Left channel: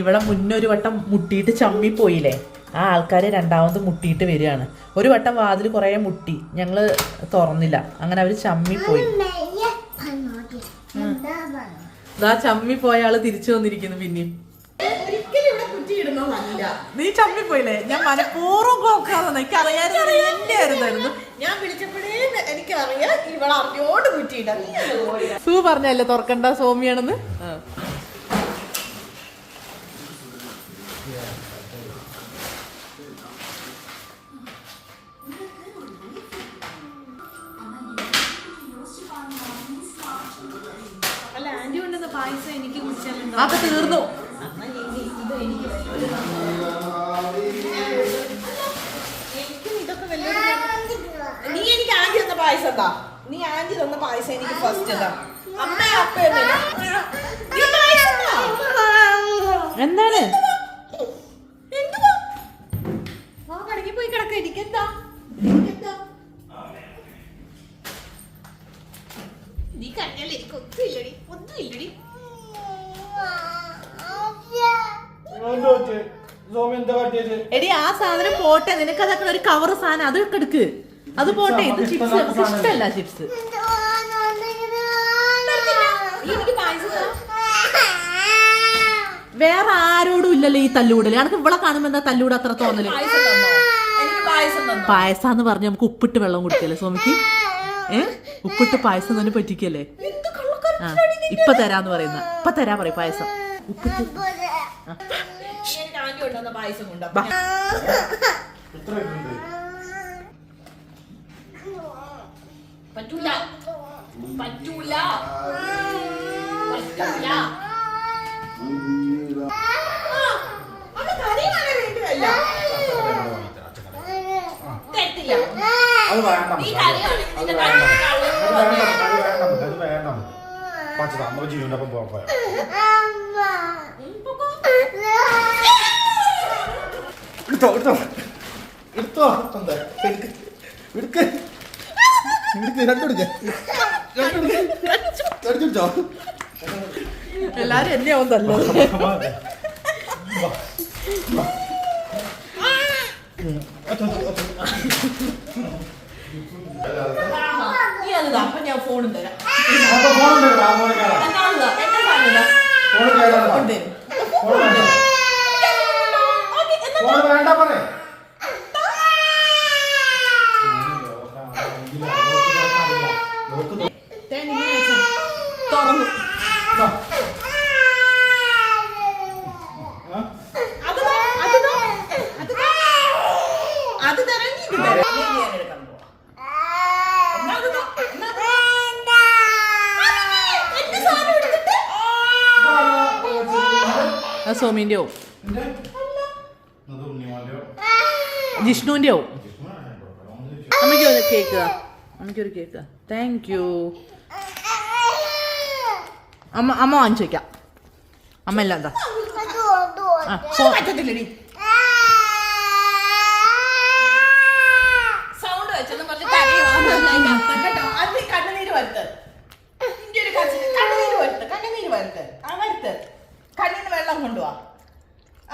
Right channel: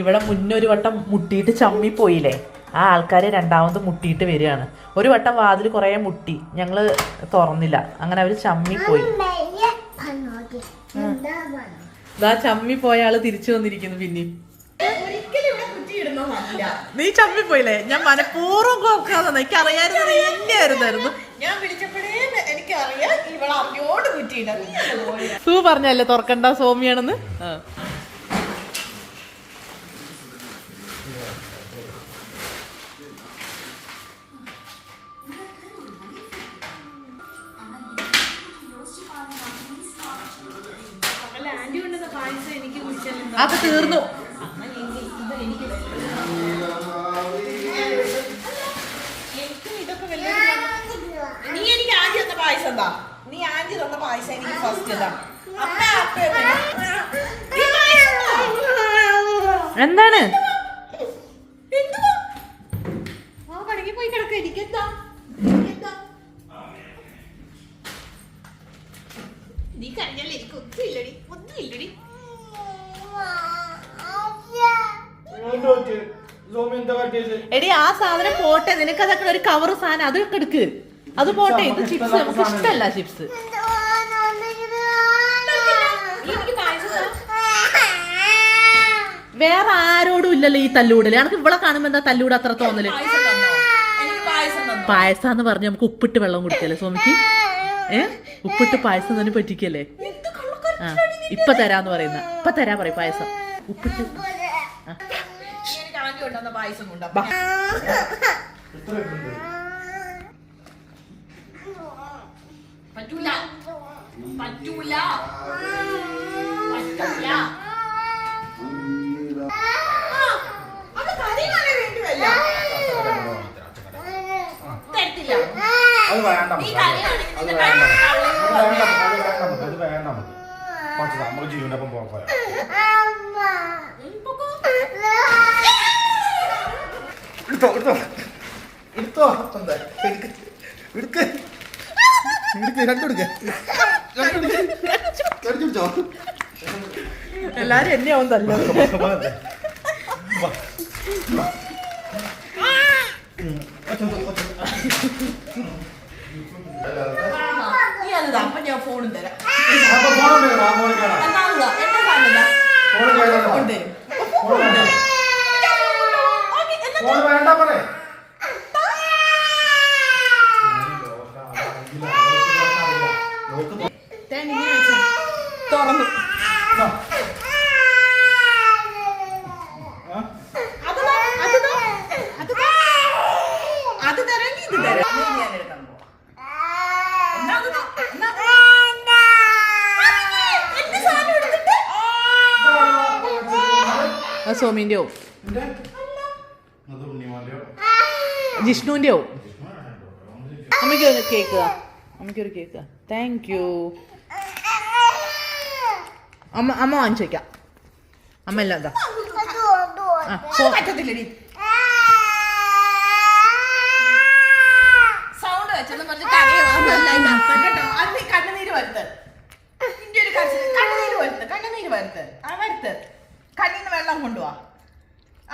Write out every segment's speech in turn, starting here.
ഇവിടെ മുന്നൊരു വട്ടം മുട്ടിയിട്ട് ചമ്മിപ്പോയില്ലേ, ആ ആൾക്കാർ രണ്ടാമത് മുട്ടിയിട്ട് വരികയാണ്. ഒരു വട്ടം വാതിൽ കുറേ മുട്ടി, ഞങ്ങൾ തുറന്നില്ല, അങ്ങനെ അവർ ചമ്മിപ്പോയി. ഇതാ ചമ്മിപ്പോയ ആള് തിരിച്ചു വന്നിരിക്കുന്നു. പിന്നെയും നീ ചമ്മിപ്പോയില്ലേ? ഞാൻ മനഃപൂർവ്വം കോർക്കാതെ, എനിക്ക് അറിയാമായിരുന്നു നീ എന്നെയായിരുന്നു. ഞാൻ വിളിച്ചപ്പോഴേ എനിക്കറിയാം ഇവളെ അറിയോട് കുറ്റിയിടും. സൂ പറഞ്ഞല്ലേ തുറക്കണ്ട സോമിയാണെന്ന്. അതൊക്കെ തീർന്നു. നീ എനിക്ക് ആന്റി തന്ന പായസം എന്താ? നീ ആന്റി തന്ന പായസം എനിക്ക് ഫസ്റ്റ് എന്താ? എന്താണ് പോയി കിടക്ക. എനിക്കെന്താ നീ കഴിഞ്ഞാൽ എനിക്ക് ഒന്നും ഇല്ലടി, ഒന്നും ഇല്ലടി. എടി ആ സാധനം പോട്ടെ, നിനക്ക് അതൊക്കെ ഒരു കവർ സാധനം അതൊക്കെ എടുക്ക്. അത് പോട്ടെ, ഇത് ചിപ്സ് നമുക്ക് ഇഷ്ടമല്ല. ചിപ്സ് വേറെ ആരോടും ഇല്ലല്ലോ ഈ തല്ലൂടല്. എനിക്ക് ഇവിടെ കാണുമ്പോ എന്താ തല്ലൂട് അത്ര തോന്നല്? പായസാന്ന് പറഞ്ഞ് നമുക്ക് ഉപ്പിട്ട് വെള്ളം കുടിക്കല്ലേ സോമിക്ക്? ഉപ്പിട്ട് പായസം തന്നെ പറ്റിക്കല്ലേ? ആ ഇപ്പൊ തരാന്ന് പറയുന്ന, ഇപ്പൊ തരാ പറയും പായസം ഉപ്പിട്ട്. പായസം പറ്റൂല പറ്റൂല പറ്റൂല. അത് വേണ്ട നമുക്ക് ജീവനൊപ്പം പോകാം. എടുത്തോ എടുത്തോ എടുത്തോ എടുക്ക രണ്ടെടുക്കോ. എല്ലാരും എന്നെ ആവും തല്ലോ. അപ്പൊ ഞാൻ ഫോണും തരാം. വേണ്ട പറ തുറന്നു അത് തരാൻ ഇത് തരാം. സോമിന്റെ ആവും, ജിഷ്ണുവിന്റെ ആവും. അമ്മയ്ക്കൊരു കേക്ക്, അമ്മയ്ക്കൊരു കേക്ക്. Thank you. അമ്മ വാങ്ങിച്ചു വെക്കാം. അമ്മ എല്ലാം എന്താ സൗണ്ട് വെച്ചെന്ന് പറഞ്ഞ് കണ്ണുനീര് വരുത്ത്. കണ്ണുനീര് വരുത്ത്, കണ്ണുനീര് വരുത്ത്. ആ വരുത്ത്. കണ്ണിന്ന് വെള്ളം കൊണ്ടുപോവാ.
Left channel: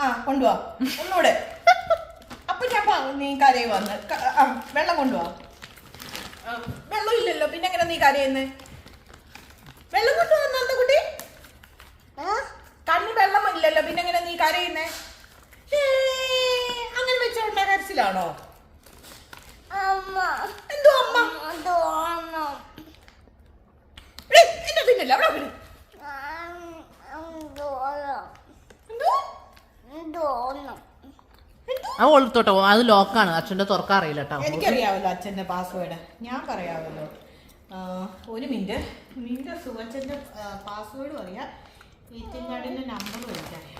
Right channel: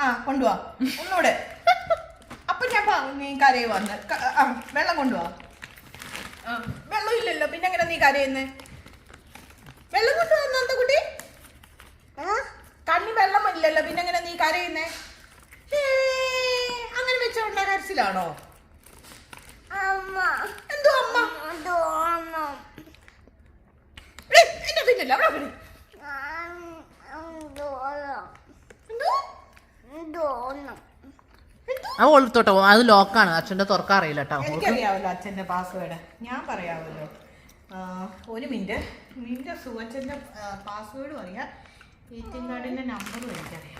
ആ കൊണ്ടുപോവാ ഒന്നൂടെ. അപ്പൊ ഞാൻ നീ കരയെ വന്ന് വെള്ളം കൊണ്ടുപോവാ. വെള്ളം ഇല്ലല്ലോ, പിന്നെ എങ്ങനെ നീ കരയുന്നേ? വെള്ളം കൊണ്ടുവന്ന എന്താ കുട്ടി? കണ്ണി വെള്ളം ഇല്ലല്ലോ, പിന്നെ എങ്ങനെ നീ കരയുന്നേ? അങ്ങനെ വെച്ചോണ്ടാ കരച്ചിലാണോ? എന്തോ അമ്മ എന്നെ തിന്നല്ല. അത് ഓളത്തോട്ടോ, അത് ലോക്കാണ്, അച്ഛൻ്റെ തുറക്കാൻ അറിയില്ല കേട്ടോ. എനിക്കറിയാവല്ലോ അച്ഛൻ്റെ പാസ്വേഡ്, ഞാൻ പറയാമല്ലോ. ഒരു മിനിറ്റ് സുവച്ചൻ്റെ പാസ്വേഡും അറിയാം, എ.ടി.എം കാർഡിൻ്റെ നമ്പറും എനിക്കറിയാം.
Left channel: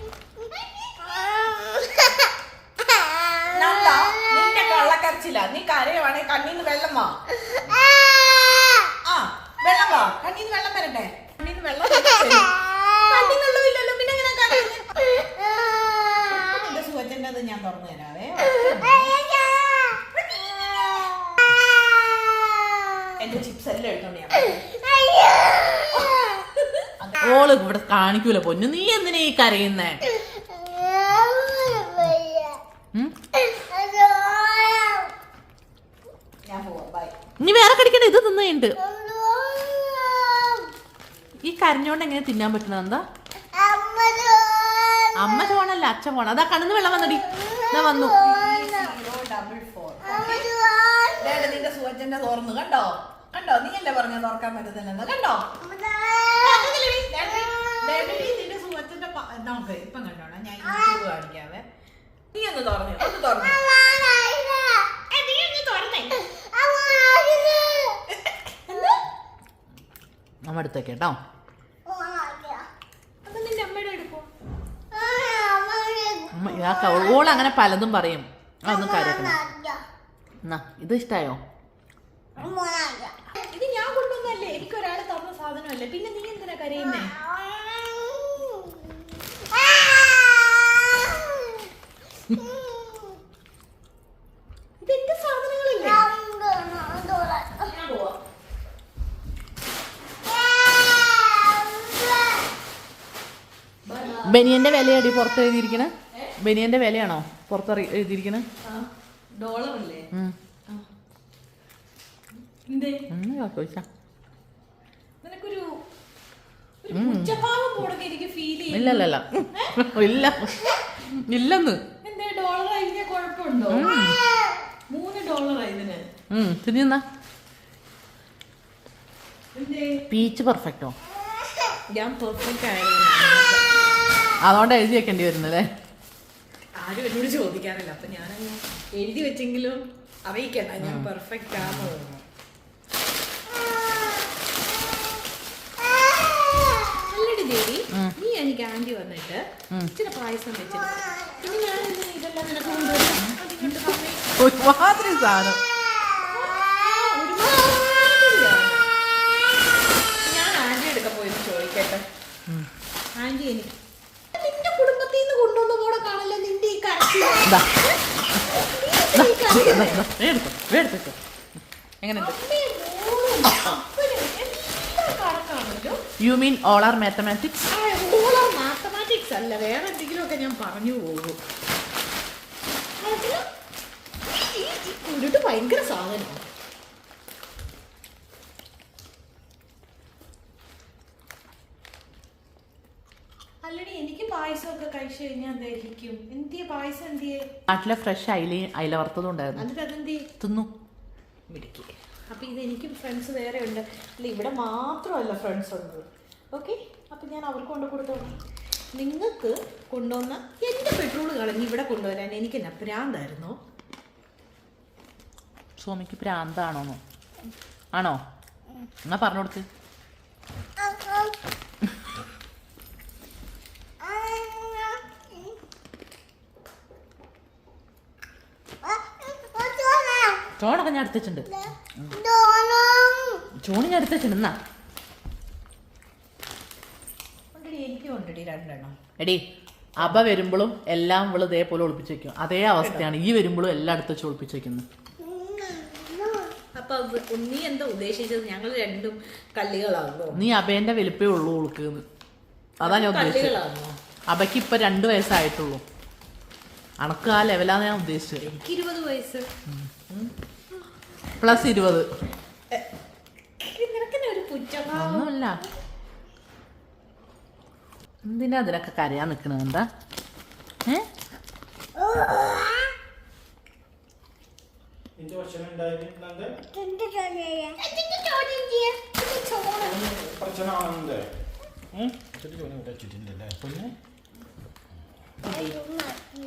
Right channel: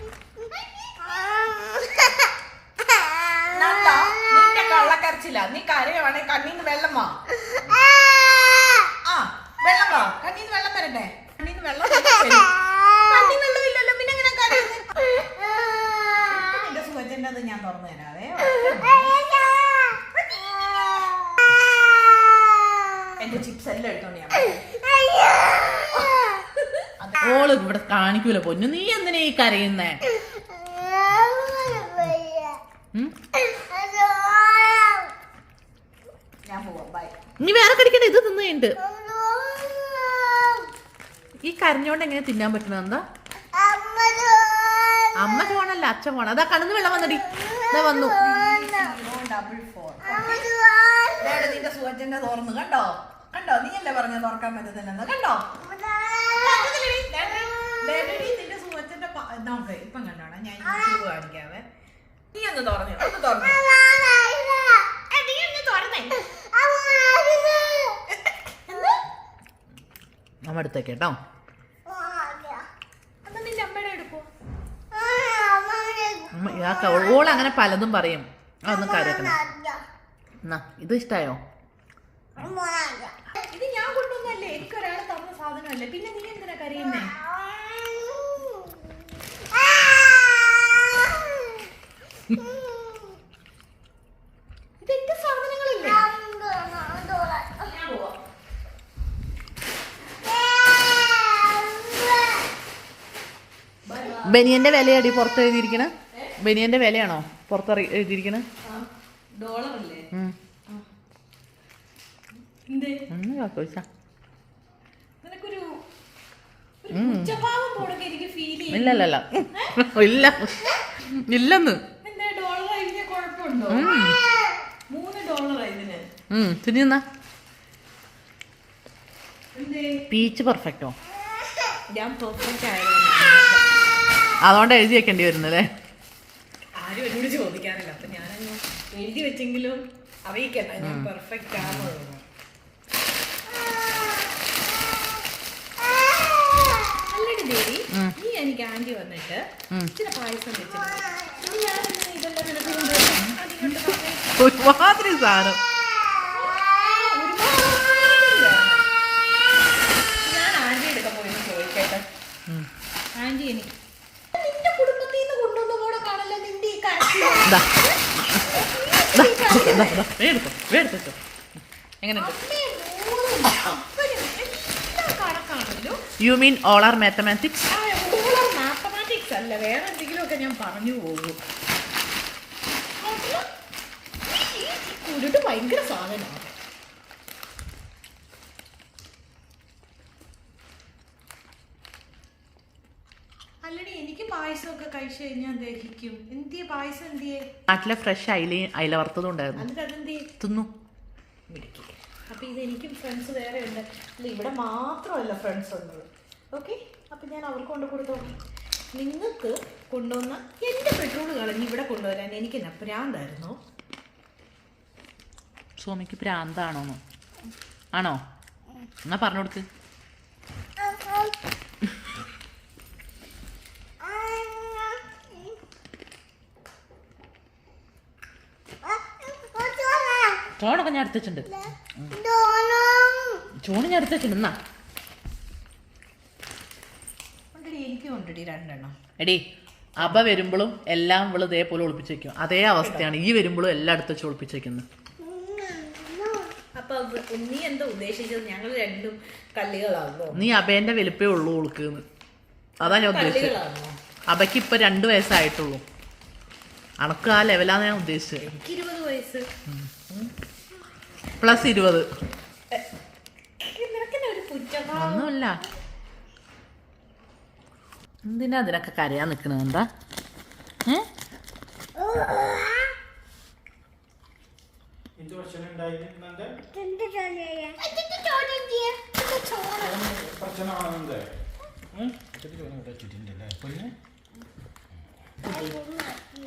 നിന്റെ കള്ളക്കരച്ചില്ല. നീ കരയുവാണെങ്കിൽ കണ്ണീന്ന് വെള്ളം വാ. ആ വെള്ളം വാ. കണ്ണീന്ന് വെള്ളം വരട്ടെ. കണ്ണീന്ന് വെള്ളം കണ്ണീ വെള്ളം ഇല്ലല്ലോ, പിന്നെ എങ്ങനെ കരയുന്നത്? എന്റെ സുവച്ചൻ്റെ അത് ഞാൻ തുറന്നു തരാവേ. എന്റെ ചിപ്സ് എല്ലാം എടുത്തോണ്ട് ഞാൻ ഓള് ഇവിടെ കാണിക്കൂല പൊന്നു. നീ എന്തിനാ ഈ കരയുന്നേ? ഇനി വേറെ കടിക്കണ്ട, ഇത് തിന്നുണ്ട്. ഈ കരഞ്ഞോണ്ട് എങ്ങനെ തിന്നാൻ പറ്റണ എന്താ? അമ്മ ചോണല്ല, അച്ഛൻ പോണം. അതാ കണ്ണിന്ന് വെള്ളം വന്നടി. ഇതാ വന്നു. നിന്റെ സുവച്ചന്റെ തോർന്ന് കണ്ടോ കണ്ടോ? നീ അല്ലേ പറഞ്ഞ തുറക്കാൻ പറ്റത്തില്ലെന്ന് കണ്ടോ? നിന്റെ സുവച്ചന്റെ നോക്ക് ഇപ്പം കണ്ടോണ. ഞാൻ യൂട്യൂബ് കാണിക്കാവേ. നീ ഒന്ന് തുറന്നു ഒന്ന് തുറന്നു. നീ ഒന്ന് തുറന്നേ. അമ്മ എടുത്തേക്ക് കേട്ടോ. അത് നിന്റെ അമ്മയുടെ എടുക്കോ? ഓൾ അങ്ങനെ പലതും പറയും. അതൊന്നും കാര്യക്കണം. എന്നാ ഇത് ഇഷ്ടായോ? ഇത് ഞാൻ കൊണ്ടുവന്നല്ലേ, എനിക്കൊരാൾ തന്ന സാധനമല്ലേ, പിന്നെ നീ എന്തിനാ കരയുന്നേ? ഇതെന്റെ സാധനങ്ങളില്ലേ? ബനിയന്റെ വിലയാടി പുറത്ത് എഴുതിയിരിക്കണ? ബനിയന്റെ വിലയാണോ പുറത്ത് എഴുതിയിരിക്കണ? ഡോളറല്ലേ? നിനക്കൊരു ഉച്ചഭാവം പോലെ എനിക്ക് ഫീൽ ചെയ്യും. ഇല്ലല്ല ഇല്ല ഇല്ലെന്ന്. എന്താ ഡോളർ ഇതിന് കുഴപ്പമുണ്ടോ? $3 ഇതിന്. തിരിഞ്ഞ പീച്ച് പെർഫെക്റ്റോ? ഞാൻ പെർഫെക്റ്റ് ആയിരുന്നു. അതുകൊണ്ട് എഴുതി വെക്കേണ്ടി വരുന്നല്ലേ? ആരും എന്നോട് ചോദിക്കാറില്ല, അപ്പൊ ഞാനങ്ങ് എഴുതി വെച്ചെങ്കിലും അറിയിക്കണ്ട ഞാൻ പെർഫെക്റ്റ് ആണെന്ന്. അല്ലടി ദേവി, നീ എനിക്ക് ആന്റി വന്നിട്ട് ഇച്ചിരി പായസം വെച്ചിട്ട് ഇതെല്ലാം നിനക്ക് ഒരുമാതിരി സാധനം. ഞാൻ ആന്റി എടുക്കാൻ പോയെന്ന് ചോദിക്കട്ടെ. ആന്റി എനിക്ക് നിന്റെ കുടുംബത്തിൽ നിന്ന് കൊണ്ടുവന്ന കൂടെ കാണല്ലോ നിന്റെ ഈ എടുത്തോ. എങ്ങനെയുണ്ട്? കണക്കാണല്ലോ. You mean all are mathematics? Mathematics അല്ല, വേറെ എന്തെങ്കിലും ഒക്കെ ഞാൻ പറഞ്ഞു പോകും. ഉരുട്ട് ഭയങ്കര സാധനമാണ്. അല്ലടി എനിക്ക് പായസമൊക്കെ കഴിച്ചു കഴിഞ്ഞാൽ ദഹിക്കും. എന്തിയെ പായസം എന്തിയെ? നാട്ടിലെ ഫ്രഷ് അയില വറുത്തതും ഉണ്ടായിരുന്നു. എന്നിട്ട് അതെന്തി തിന്നു. അപ്പം ഇതെനിക്കും ഫ്രണ്ട്സ് വേറെ ഉണ്ട്. അല്ല ഇവിടെ മാത്രമല്ല ഫ്രണ്ട്സ് ഉണ്ട്. ഓക്കെ, അപ്പം ഞാൻ അവർക്ക് കൊണ്ട് കൊടുത്തോ. നിങ്ങൾക്ക് കൊണ്ടുവന്ന എൻ്റെ പെട്രോൾ കളഞ്ഞ് ഇവിടെ കൊണ്ടുവരാൻ എനിക്ക് എന്നാ പ്രാന്തായിരുന്നോ? സോമിക്ക് പ്രാന്താണോന്നോ? ആണോ? എന്നാ പറഞ്ഞു കൊടുക്ക്. ചോണൊക്കെ ഞാൻ എടുത്തിട്ടുണ്ട്. ചോണ് ഞാൻ എടുത്തിട്ടുണ്ട്. എന്നാ എനിക്ക് കൊണ്ടിടി 2 എണ്ണം. എടി അബ വരുമ്പോഴും എല്ലാം ഇവള് ഇതേപോലെ ഒളിപ്പിച്ച് വെക്കും. അതേ അവസ്ഥയാണ് ഈ വരുമ്പോഴും എല്ലാം അടുത്ത് വെച്ച് ഒളിപ്പിച്ച് വെക്കുന്നത്. അപ്പൊ നീ എന്താ ഉദ്ദേശിച്ചത്? ഞങ്ങൾ രണ്ടും കള്ളികളാണോ? നീ അബേന്റെ വലിപ്പേ ഉള്ളൂ ഉളുക്കുന്ന്. അതാ ഞാൻ ഉദ്ദേശിച്ചത്. അബയ്ക്ക് ഇപ്പൊ 2 വയസ്സായിട്ടുള്ളൂ. അണക്ക് ആ ലെവലാന്ന് ഞാൻ ഉദ്ദേശിച്ചത്. എനിക്ക് 20 വയസ്സ് പ്ലസ് 20. ഒന്നുമില്ല. എന്തിനാ അതിനൊക്കെ കരയാൻ നിക്കണത്? എന്താ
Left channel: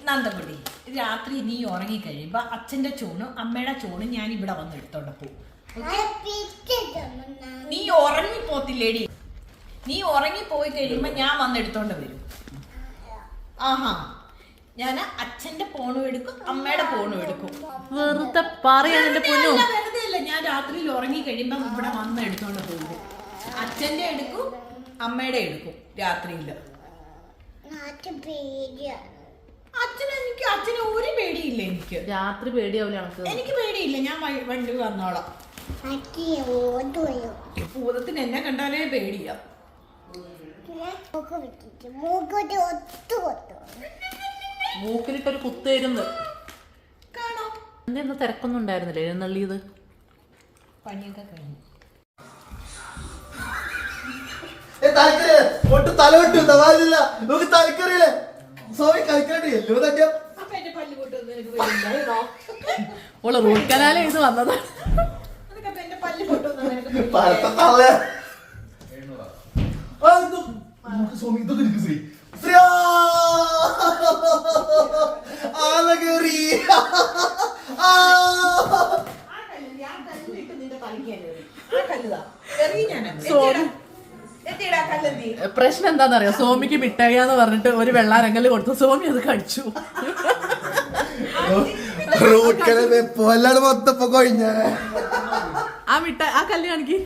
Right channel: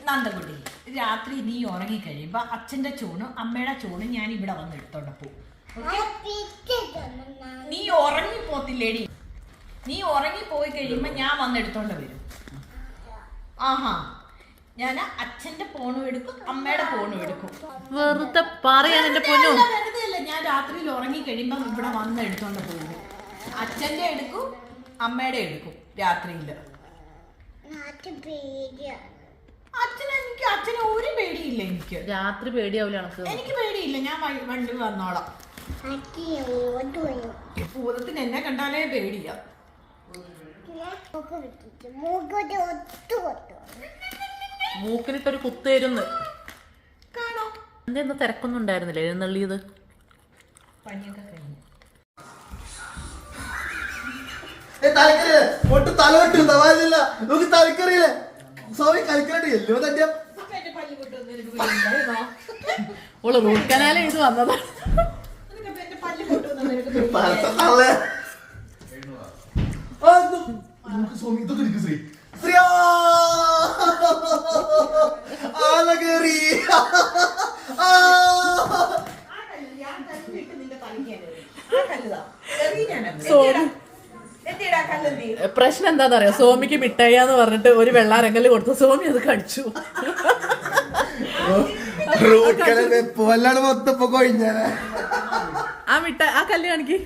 നന്ദകുട്ടി, രാത്രി നീ ഉറങ്ങിക്കഴിയുമ്പോ അച്ഛന്റെ ചോണും അമ്മയുടെ ചോണും ഞാൻ ഇവിടെ വന്ന് എടുത്തോണ്ട് പോകും. നീ ഉറങ്ങിപ്പോത്തില്ലേടി? നീ ഉറങ്ങിപ്പോയി കഴിയുമ്പോ ഞാൻ വന്ന് എടുത്തോണ്ട് വരും. ആഹാ, ഞാൻ അച്ഛന്റെ ഫോണും എടുക്കും അമ്മയുടെ ഫോണും എടുക്കും. വെറുതെ പറയാൻ എന്റെ പൊന്നു. വെറുതെ അല്ല, ഞാൻ രാത്രിയിൽ ഉറങ്ങി കഴിയുമ്പോ ഇവിടെ വന്ന് എടുത്തോണ്ട് പോകും. അച്ഛന്റെ എടുക്കും അമ്മയുടെ എടുക്കും രാത്രിയില്. അച്ഛനെ ഒരു പേടിയില്ല എനിക്ക്. രാത്രി പേടിയാവില്ല എനിക്ക് പേടിയില്ല. ഞാൻ വണ്ടി വന്നോളാം. ഭൂതത്തിന് എന്നെ കണ്ടാലേ പേടിയാ. മൂക്കിലിട്ടൊരു കുത്തേരുന്ന് കാണോ? എന്താ തിരക്കൊന്നും ഉണ്ടായിരുന്നില്ലേ എന്നുള്ളത്? പണിയൊക്കെ കഴിഞ്ഞു. തലക്കറിയില്ലേ ഒട്ട് തലവെട്ടു തവാലില്ല നമുക്ക് തലക്കറിയില്ലേ സോറി കളിക്കണ്ടി എല്ലോ തട്ടിയ അപ്പൊ എന്റെ പല്ല് പൊട്ടുമെന്ന് എനിക്ക് പേടിയുണ്ടായിരുന്നോ? ഓള് റൂട്ട് കനാല് ചെയ്ത് വന്നതാണ്. നിനക്കപ്പൊ എന്റെ പല്ല് പൊട്ടുമെന്ന് നിനക്ക് പേടിയുണ്ടായിരുന്നോ? പരത്തല്ലേ സോമി ഇതൊക്കെ എനിക്ക് ശ്രീ ശ്രീ ആലകേറി ആ കല്ല് ഞാൻ തല്ലിട്ട് നിന്റെ തലയ്ക്ക് ആ കല്ലുതാ എറിയാൻ സോമി എത്തിയിടാ കല്ലെന്തി. പ്രശ്നം എന്താണെന്നറിയോ, സോമിക്ക് മിഠായിന്ന് പറഞ്ഞിട്ട് ഒരു വെള്ളാരങ്കല് കൊടുത്തു, സോമി അത് കടിച്ചു. വെപ്പല്ലാണ്ട് മൊത്തം കൊഴിഞ്ഞ ആ മിഠായി ആ കല്ല് കാണിക്ക്.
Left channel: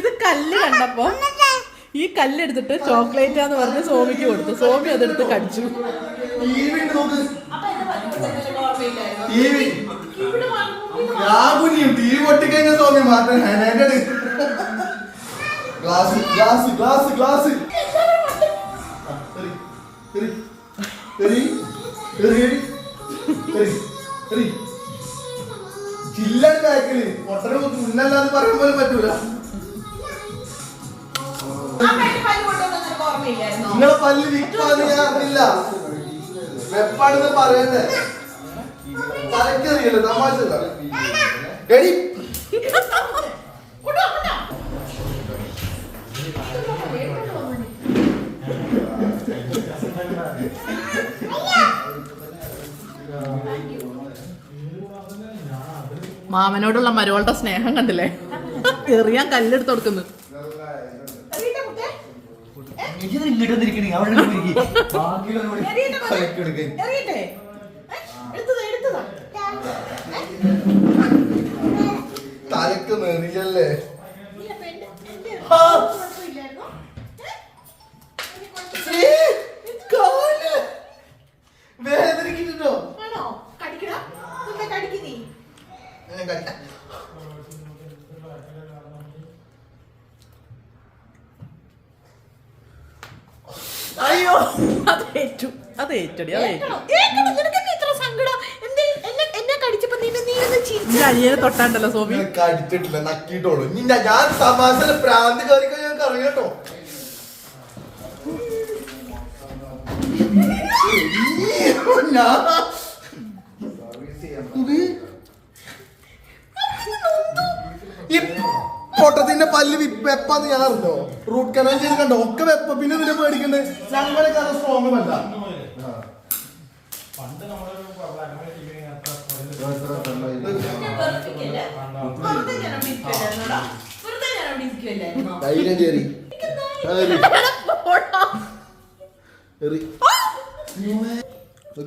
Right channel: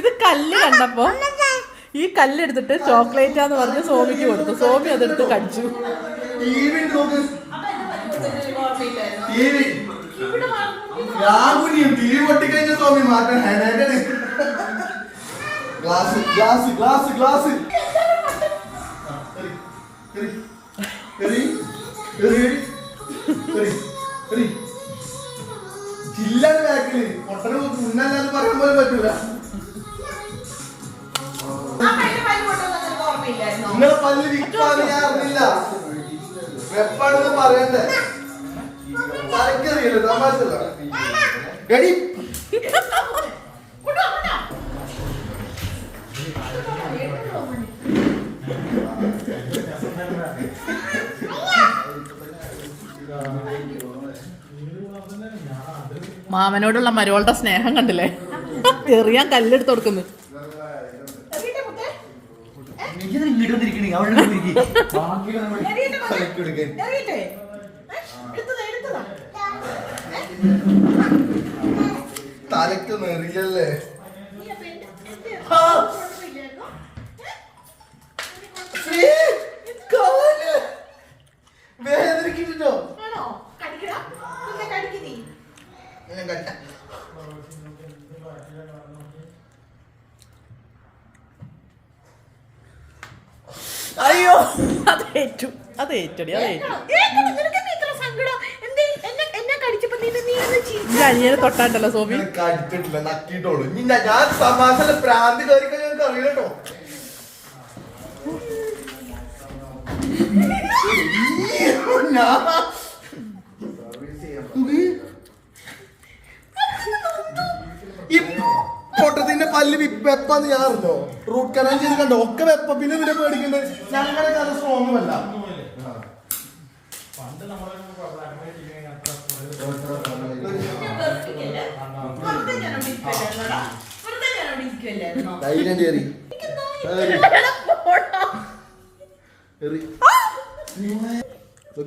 ഇത് കല്ല് കണ്ടപ്പോ ഈ കല്ലെടുത്തിട്ട് ചോക്ലേറ്റാന്ന് പറഞ്ഞ് സോമിക്ക് കൊടുത്തു, സോമി അതെടുത്ത് കടിച്ചു. അപ്പൊ എന്റെ പല്ല് പൊട്ടുമെന്ന് ഓർമ്മയില്ലായിരുന്നോ? തീ പൊട്ടിക്കഴിഞ്ഞ സോമി മാറ്റാൻ ഗ്ലാസ് ഗ്ലാസ് ഗ്ലാസ് ഗ്ലാസ് ചില്ലാണ് ബാക്കില് പൊട്ടന് മുന്നല്ലാന്ന് പറയാൻ പോലും പറ്റൂല. അപ്പൊ എന്റെ പല്ല് പൊട്ടുമെന്ന് നിനക്ക് ഓർമ്മയില്ലായിരുന്നോ? നിങ്ങളെ പല്ല് വിപ്പാന്ന് ഞാൻ അറിയില്ല. വെപ്പാണെന്ന് പറയണ്ടേ തലക്കറിയില്ല തമാശ ഗടി മാമനോടുള്ള മരുവളുടെ സ്നേഹം കണ്ടില്ലേ, എറിയാൻ കല്ലെടുത്ത് കൊടുക്കുന്നു. എറിയട്ടെ മുത്തേ? എറിയട്ടെ? എടുത്തതാ തലക്ക് നെറിയല്ലേ നീ അപ്പൊ എന്റെ ആ. കുഴപ്പമില്ലായിരുന്നോ? വേദനിക്കുന്നുണ്ടോ ആണോ? കടിക്കടാ മുത്തേ, കടിക്ക് നീ. അയ്യോ അത് ഏറ്റു, അത് ഏറ്റടി, അത് ഏറ്റു. ഏക്കണം, നിനക്കെന്താ ഇത്ര സങ്കടം? എന്തേ എന്നെ കടിച്ചപ്പോ നീ ഒന്ന് ചിരിച്ചു. ഈ അനിയനെ തൊട്ടാണ്ടല്ലോ സോമി. കടിച്ചിട്ടില്ല നക്കിട്ടോളൂ ഞാൻ സമാസന പ്രാന്ത് കയറിക്കോ ഞങ്ങൾക്ക് അറിയട്ടോ ഈ പൊട്ടത്തിന്റെ പല്ല് വെപ്പാന്ന് ഞാൻ അറിഞ്ഞോ? റൂട്ട് കനാൽ ചെയ്ത് കണ്ടോ ഒക്കെ വെപ്പ. പിന്നെ നിന്നെ പേടിക്കണ്ടേ? ഞങ്ങളെ കഥ സ്ട്രോങ് അല്ല. ധൈര്യം കയറി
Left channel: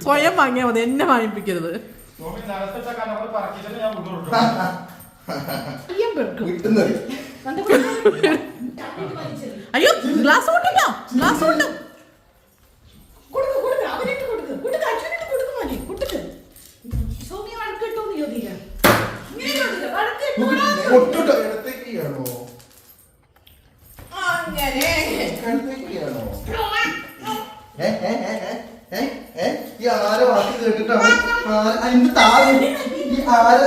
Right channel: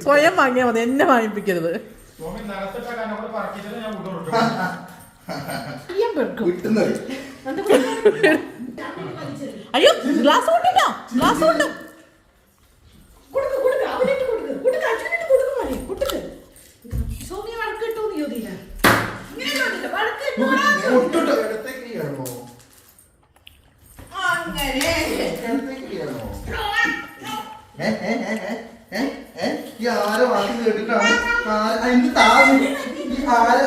സ്വയം വാങ്ങിയാ മതി, എന്നെ വാങ്ങിപ്പിക്കരുത്. വിട്ടുന്നത് അയ്യോ ഗ്ലാസ് കൊണ്ടിട്ടോ, ഗ്ലാസ് കൊണ്ടു. ഒട്ടുട്ടോ ഇടത്തേക്ക് ചെയ്യണോ അങ്ങനെ ഇടത്തേക്ക് ചെയ്യണോ ഈ ആരെ വാക്ക് കേട്ടിട്ടാണ് അതിന്റെ താഴെ ഈ ആരെ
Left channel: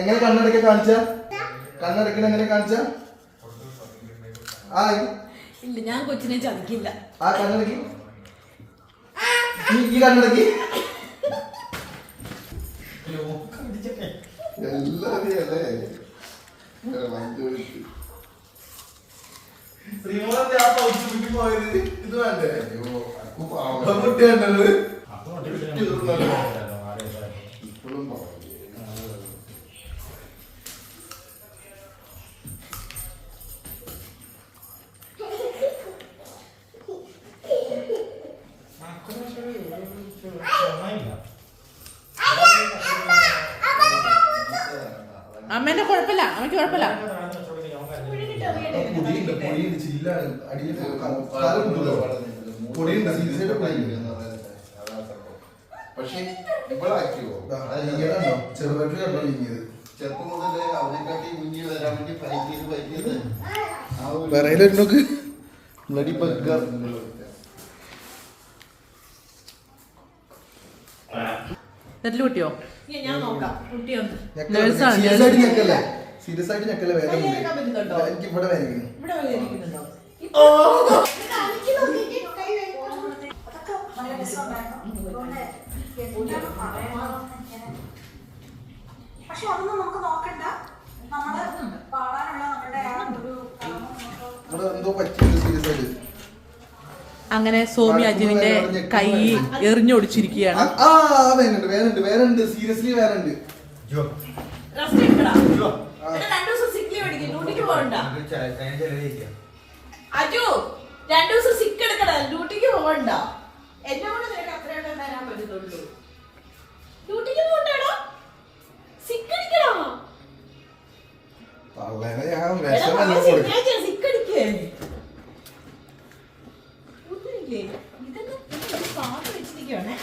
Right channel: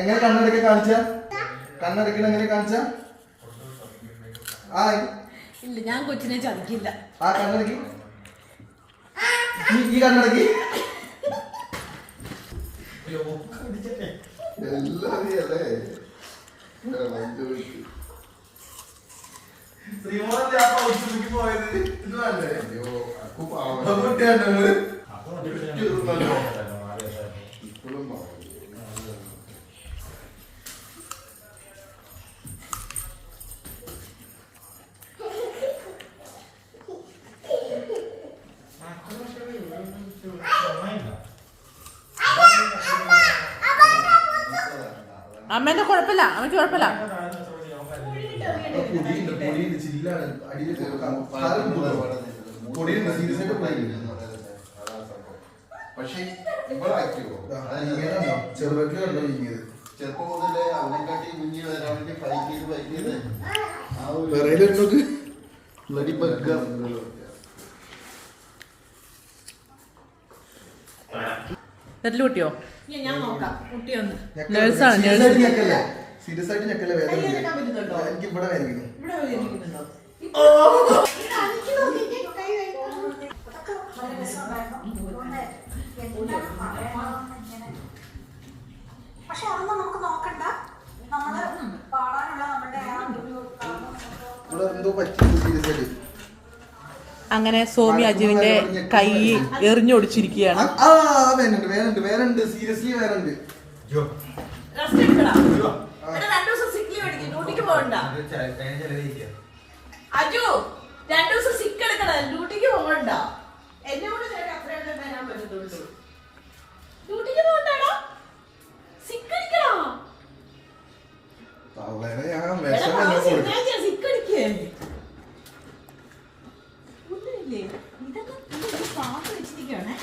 എങ്ങനെ കണ്ണടക്ക കാണിച്ച കണ്ണടക്കണ എങ്ങനെ കാണിച്ച ഇല്ല, ഞാൻ കൊച്ചിനെ ചതിക്കില്ല. ആ കണ്ണടക്കി ഈ കണ്ണടക്കി ശ്രീമോഹന്റെ ആ പൗച്ചിലേക്ക് പോയത് ഇത് വേണ്ടേ? കുട്ടി കണ്ടത് ഇപ്പോഴും അമ്മേന്റെ കുഴപ്പമില്ല, അമ്മയ്ക്ക് കുഴപ്പമില്ല. പക്ഷേ ചെറുപറ്റിലോ ഇങ്ങിയത് ചെറുപ്പം മുതലേ അവനെക്കാട്ടി മുന്നിൽ വരാൻ വേണ്ടി ഫൈറ്റ് ചെയ്ത് ആ ഒരു വിറയിലൊക്കെ ബ്ലഡി ബഗ്ഗ. നെറ്റിൽ കുട്ടിയോ? ഞാൻ നോക്കാം കുട്ടിയൊന്ന് നേഴ്സാണ്, സീരിയസ് നേഴ്സ്. ആയിട്ട് ഞെക്കല്ലേ? സീരിയസ് ആയിട്ട് ഞെക്കല്ലേ? വേദന ഉണ്ട്. കൈ പറ്റുന്നുണ്ടോ? എനിക്ക് ഇവിടെ വേദനിക്കുന്നു. ഇവിടെ വേദനിക്കുന്നുണ്ടോ? പക്ഷെ അതൊന്നും നമുക്ക് നോക്കണ്ട. നമ്മള് പാടാനുള്ള നമ്മുടെ ആ ഒരു ഇവിടെ എന്തോ പറ്റിയിട്ടുണ്ട് സീരിയസ് ആയിട്ട്. അങ്ങനെ സോമി അജുവിന്റെ കൈ എറിഞ്ഞൊടിച്ചിരിക്കുകയാണ്. ആ വേനുണ്ട് സീരിയസ്ലി വേനുണ്ട്. റെസ്റ്റ് എടുക്കടാ. ഇവിടെ 2 ദിവസം സിക്ക് ലീവ് എടുക്കും. ഡ്യൂട്ടിക്ക് പോകണ്ട. അജു 2 ദിവസം സിക്ക് എടുക്കടാ. ഡ്യൂട്ടിക്ക് പോകണ്ട. എന്നെ കൂടെ നിനക്ക് അത്രയൊക്കെ തരാൻ പറ്റത്തുള്ളൂ. ഡ്യൂട്ടിക്ക് പോകണ്ടാടോ. സിക്ക് അടിക്കടാ. അവനെ ഞാൻ എടാ, വിഷം നാളെ വല്ലതും കൊടുക്കും. ശനിയാഴ്ച സിക്ക് അടിക്കേ. ഒന്നുമില്ലേ? ഇതൊക്കെ പാട്ട് വെച്ചിരിക്കുകയാണേ.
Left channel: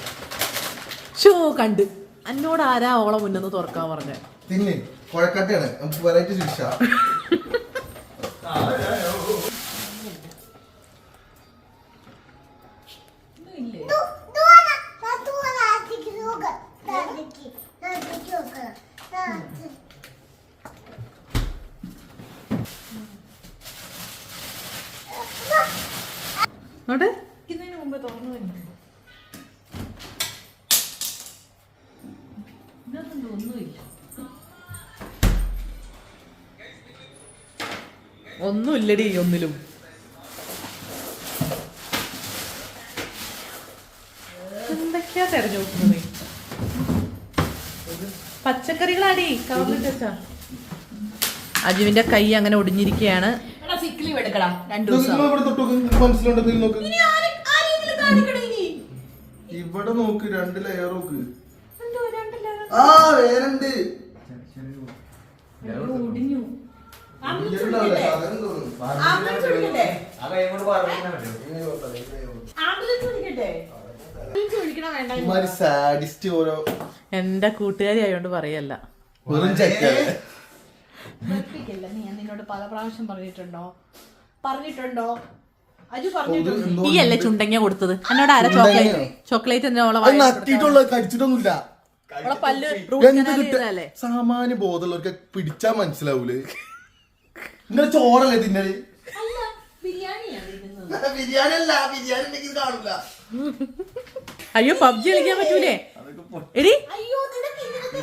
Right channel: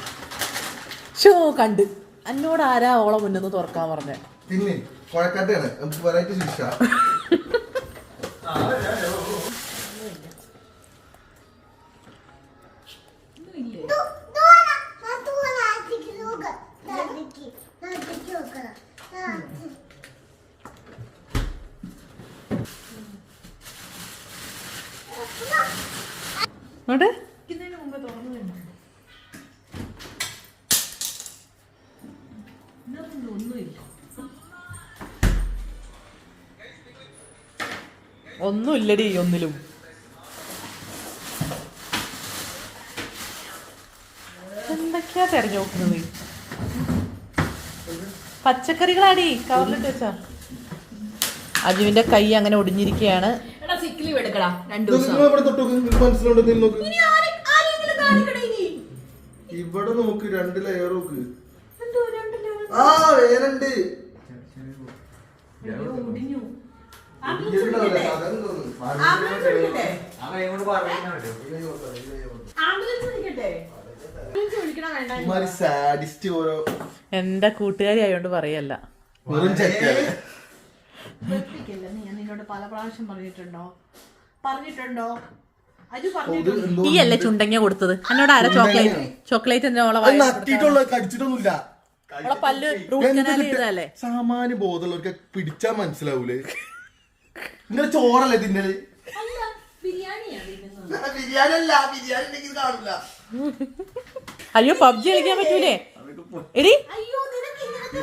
ഷോ കണ്ട് എന്നോട് ആരാ ഓളെ മുന്നെന്ന് തുറക്കാൻ പറഞ്ഞേ? തിന്ന് കുഴക്കട്ടയാണ് നമുക്ക് വെറൈറ്റി ശിക്ഷ. ഒന്നുമില്ലേ? അവിടെ ഇതിന് മുമ്പ് തുറന്നു തന്നെ. ഇതൊന്നും ഒന്നുമില്ല. ഒന്നുമില്ലടി ഒന്നിലും. എന്തൊക്കെയാ തെരഞ്ഞു നോക്കുന്നത്? പച്ചക്കറികളാടി കവറിലിട്ട് വെച്ചാ. അജുവിന്റെ കൈ അങ്ങനെ ഒടിഞ്ഞിരിക്കുകയാണ്. എടാ സിക്ക് ലീവ് എടുക്കടാ 2 നോക്ക്, ദിവസം. നിങ്ങൾ ഇവിടെ തൊട്ട് നോക്ക്. നിങ്ങൾക്ക് മനസ്സിലുണ്ടെങ്കിൽ നോക്ക്. ഇനി ആരെങ്കിലും കാണിക്കണേ ഇനി. ഇവിടെ നോക്ക്, 2 ലെയർ നോക്ക്. എന്തോ 2 ലെവൽ. ആ വേനുണ്ട്. അയ്യോ, ഒടിഞ്ഞു. ആംബുലൻസ് ഇതിലുള്ള വിളിക്കട്ടെ? സാധനം തോന്നുന്നു. ആംബുലൻസ് വിളിക്കട്ടെ? ആ കൈ കൊണ്ട് പറയാൻ പറ്റുമോ? ആംബുലൻസ് വിളിക്കട്ടെ? ആംബുലൻസ് വിളിക്കണോ വേണ്ട? ഇമാതിരി സാഡിസ്റ്റ് ഓരോ എന്റെ കൂട്ടുകാരി ആയോണ്ട് പറയല്ല. വെറും ചെക്കല്ലേ. വെറുപ്പിക്കല്ല. ഞാൻ നിന്നോട് പല പ്രാവശ്യം പറഞ്ഞിട്ടുണ്ടോ? അജു ഇത് പറഞ്ഞിട്ടുണ്ടോ? എന്തോ ഈ അല്ലേ ചുണ്ടങ്ങ കൊടുത്തത്? എന്നോട് ആരാ ചോക്ലേറ്റ് എന്നെ ഓളെ അത് വായിൽ നട്ടിട്ടുള്ള കടിച്ചിട്ടൊന്നുമില്ല. ഓളെ പല്ല് റൂട്ട് എന്ത് കനാൽ കിട്ട- ചെയ്തതല്ലേ? സാമാന്യ ബോധമുള്ളവർക്ക് പിടിച്ചാ മനസ്സിലാവൂലേ? നിങ്ങൾ ചോറല്ലേ തിന്നല്? അല്ല, ബിരിയാണിയാണ് തിന്നുന്നത്. ബിരിയാണി അല്ല, ബിരിയാണി ഉണ്ടെങ്കിൽ കാണില്ല. അയ്യോ പബ്ജി കളിക്കാൻ പറ്റൂലേ എടി? അയ്യോ, നിനക്ക് ഇങ്ങനത്തെ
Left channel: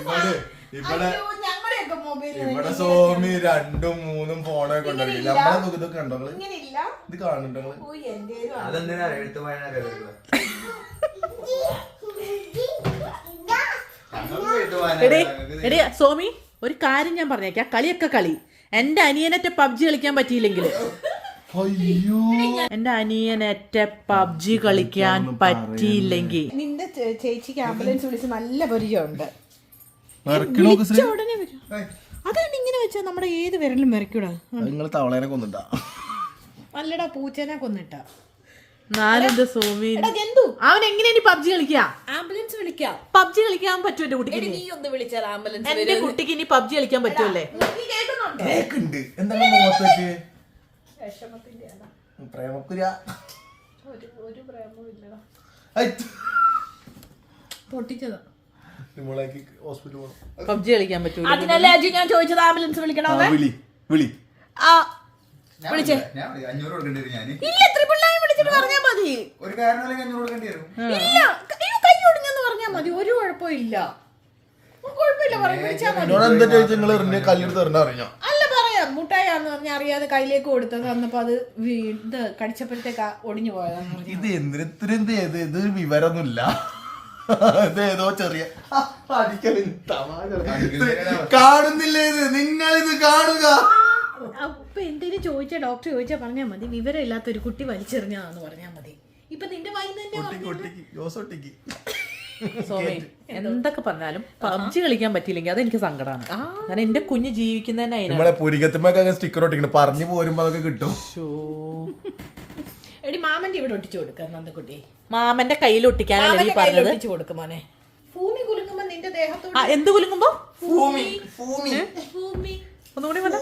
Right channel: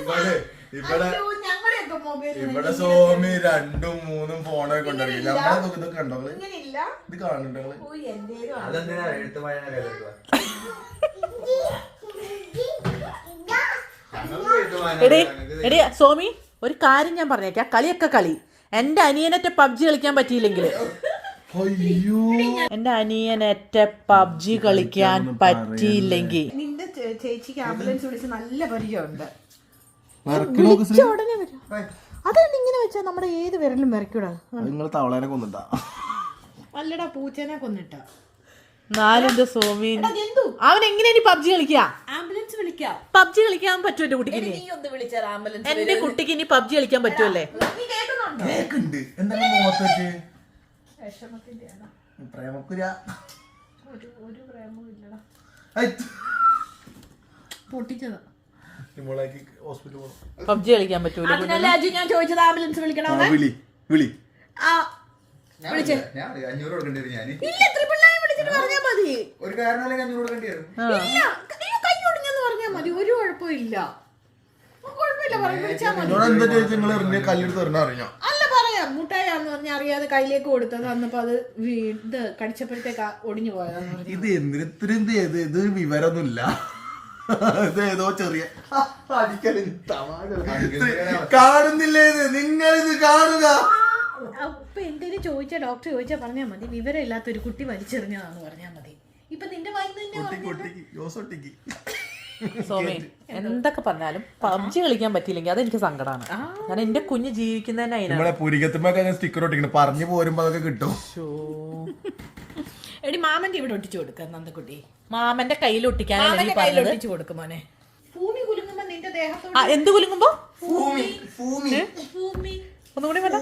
ഇവിടെ അയ്യോ, ഞങ്ങളുടെയൊക്കെ മൊബൈലിൽ ഇവിടെ സോമി 2ഉം 3ഉം ഫോണൊക്കെ കൊണ്ടുവരില്ല. നമ്മളെ നോക്കി ഇതൊക്കെ കണ്ടോ നിങ്ങള്? ഇങ്ങനെയില്ല. ഇത് കാണുന്നുണ്ടോ നിങ്ങള്? ഓ, എന്തേലും ആണ്. അതെന്തിനാ എഴുത്ത് വായന എടി എടി സോമി ഒരു കാര്യം ഞാൻ പറഞ്ഞേക്കാം. കളിയൊക്കെ കളി. എന്റെ അനിയനറ്റ പബ്ജി കളിക്കാൻ പറ്റിയില്ലെങ്കിൽ, അയ്യോ എന്റെ അനിയനറ്റ പബ്ജി കളിക്കാൻ പറ്റിയില്ലെങ്കിൽ നിന്റെ ചേച്ചിക്ക് ആംബുലൻസ് വിളിച്ച് നല്ല പരിചയമുണ്ട്. നറുക്ക് നോക്ക് ശ്രീ. ഉടനെ വരും. അതാണ് ഇങ്ങനെ വെച്ചാൽ നമ്മുടെ ഏത് വിരലും വരയ്ക്കൂടാ. നിങ്ങള് തവളേനെ കൊന്നിട്ടാ. നല്ലടാ, പൂച്ചേനെ കൊന്നിട്ടാ. നാലിന്റെ സോമി എടാ, എന്തു അവൻ എങ്ങനെ ഇനി പബ്ജി കളിക്കാ? ആംബുലൻസ് വിളിക്കാം. പബ്ജി കളിക്കാൻ പറ്റുമോ എന്റെ കുട്ടിക്ക്? നീ ഒന്ന് വിളിച്ചാൽ ആംബുലൻസ് എന്റെ കുട്ടിക്ക് ഇനി പബ്ജി കളിക്കാൻ പറ്റുമല്ലേ? നീ കേൾക്കുന്നുണ്ടോ? കേക്കുണ്ട്. എന്താണ് മുഖത്തേക്ക് വിഷമത്തിന്റെ ആണോ? പ്രേമക്കുര? ഒരു പ്രേമവും ഇല്ലടാ. പൊട്ടിച്ചതാ. നിങ്ങളേക്ക് ഹോസ്പിറ്റൽ പോകണം. പബ്ജി കളിക്കാൻ പറ്റൂല. അതിനല്ലേ അജി ഞാൻ ചോദിച്ചത് ആംബുലൻസ് വിളിക്കണമെന്ന്. വിളി വിളി. ആ, വിളിച്ചേ. ഞാൻ 500 കൊടുക്കേണ്ടി വരും. ഞാൻ ഇല്ല, ത്രിപിള്ളായി വിളിച്ചിട്ട് പറഞ്ഞാ മതി. ഒരു കാരണമല്ലെങ്കിൽ 500 കൊടുക്കേണ്ടി വരും. ഇല്ല, കൈ ഒടിഞ്ഞെന്ന് പറഞ്ഞാ മതി. ഒരു കുഴപ്പമില്ല. കുഴപ്പമില്ല, വിളിച്ചാ മതി. എന്നോട് എന്താ ചോദിച്ചാൽ നിങ്ങൾ എറിഞ്ഞ കല്ലെടുത്ത് എറിഞ്ഞ അറിഞ്ഞോ? അല്ല, പറയാം മുട്ടായാന്ന് പറഞ്ഞ അറിയാതെ കയ്യിലേക്ക് കൊടുത്തത് വന്നപ്പോ അത് ഇത് കടിച്ചപ്പോഴത്തേക്ക് ഒടിഞ്ഞു പോയതാന്ന് പറഞ്ഞു. ഇത് എന്തിനും ഇത് വിവരമൊന്നുമില്ല. ഇത് ഏതോ ചെറിയ കാണുന്നില്ലേ? ഇത് നിങ്ങളിത് കാണുക. അപ്പൊ എന്തേലും ചോദിച്ചാ ഡോക്ടർ ചോദിച്ചാ പറഞ്ഞാ മതി. വിവരം ഇല്ലാത്ത ഒരു കുട്ടി വലിച്ചെറിഞ്ഞാന്ന് പറഞ്ഞാ മതി. ഇപ്പൊ നിന്റെ ജോസൊട്ടിക്ക് സോമി എന്തൊക്കെ പറഞ്ഞാലും പബ്ജി കളിക്കാൻ പറ്റിയില്ലെങ്കിൽ അതെനിക്ക് സങ്കടമാണ്. ഞാൻ എന്റെ കുഞ്ഞ് ജീവിക്കുന്നതന്നെ അതിനാണ്. നമ്മളെ പുരികത്തുമ്പോ സ്റ്റിക്കർ ഒട്ടിക്കണം. പറഞ്ഞു പോരുമ്പോ അതൊക്കെ കിട്ടും. എടി, മാമന്റെ ഇവിടെ ഒട്ടിച്ചു കൊടുക്ക നന്ദക്കുട്ടി. മാമന്റെ കയ്യിൽ ഒട്ടിക്കാനല്ലേ മാമന്റെ ഈ കയ്യിൽ പറഞ്ഞത്? ഒട്ടിച്ചു കൊടുക്കും മോനെ. ഭൂമി കുലുങ്ങുമ്പോ നിന്റെ ദേഹത്തോട് എന്ത് കുലുങ്ങുമ്പോ? ഒന്നുകൂടി പറ.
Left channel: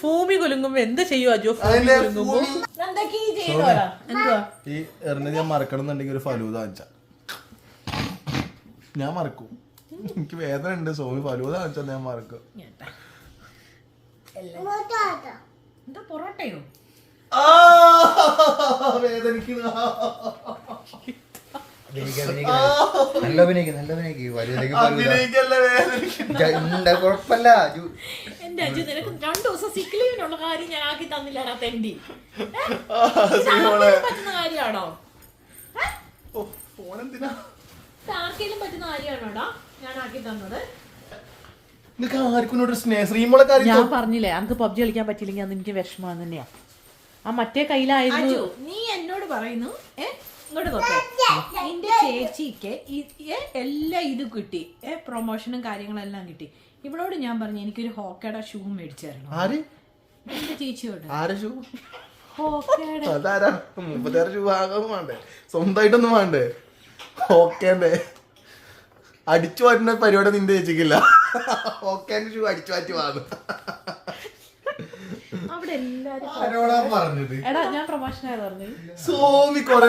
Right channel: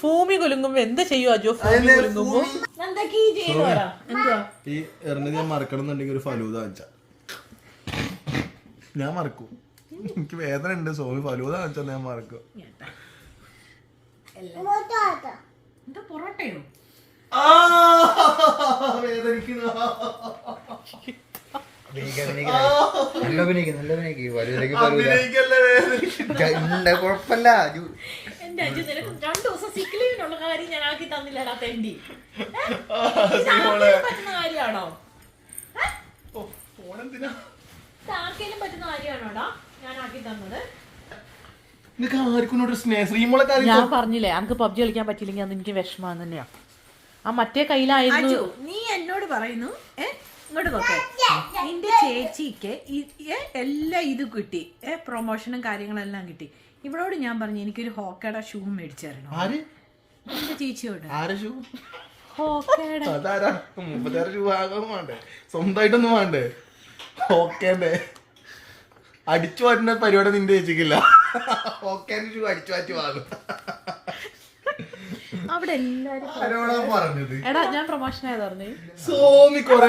ഭൂമി കുലുങ്ങുമ്പോ എന്ത് ചെയ്യും അജോ? ഭൂമി കുലുങ്ങുമ്പോ എന്തൊക്കെ ഈ ചെയ്യുവാടാ? എന്തുവാ? ഈ എറിഞ്ഞ ഞാൻ മറക്കണം എന്നുണ്ടെങ്കിൽ ഒരു ഫലൂദ വാങ്ങിച്ച ഞാൻ മറക്കും. എനിക്ക് വേദന ഉണ്ട്. സോമി ഫലൂദ വാങ്ങിച്ചാൽ ഞാൻ മറക്കും. എന്താ പൊറോട്ടയോ? വേദനിക്കുന്ന കുഴപ്പമില്ല. എന്റെ അജു നിനക്ക് 2 ദിവസം സിക്ക് ലീവിനുള്ള കാര്യം ഞാൻ ആക്കി തന്നില്ലടാ തെണ്ടി. പറ്റുന്ന കാര്യമാണോ? ആർക്കെങ്കിലും പറ്റുന്ന കാര്യമാണോടാ ഞാൻ ആക്കി തന്നത്? ആർക്കും സ്നേഹശ്രീമോളെ കാര്യം ഞാൻ പറഞ്ഞില്ലേ അനക്ക് പബ്ജി കളിക്കാൻ പറ്റിയില്ലെങ്കിൽ അന്ന് എനിക്ക് വിഷമം തന്നെയാ. ആ മറ്റേ കയ്യിലായിരുന്നു. അജു, നീ എന്നോട് പറയുന്നു ഇങ്ങോട്ട് നോക്കേ, നിന്റെ ചേച്ചിക്ക് എല്ലാം ഇത് കിട്ടി, പ്രൊമോഷനും കാര്യങ്ങളെല്ലാം കിട്ടി. ഇവളോട് ഞാൻ പറഞ്ഞു എനിക്കൊരു ഹോക്കയുടെ ഷൂ മേടിച്ചു തരണം. ആര്? എന്റെ ചേച്ചിയോട്. ആരെ ഷൂ? ഹോക്കയുടെ. അതാരാ? 36 ഷൂ ആകാൻ വേണ്ടേ? സ്വന്തമായിട്ടൊന്നും വേണ്ടേ? ഓക്കേന്റെ അടിച്ചു മാറ്റുന്ന പരിപാടി നിന്റെ ചേച്ചിക്കില്ല. ഓക്കേന്റെ ഷൂ അടിച്ചു മാറ്റി വാങ്ങും. അവിടെ എല്ലാരും ആരോടാ പറഞ്ഞത്? എടാ ഞാൻ പ്രൊമോഷൻ ആയത് പറഞ്ഞു. സോമി കൊറേ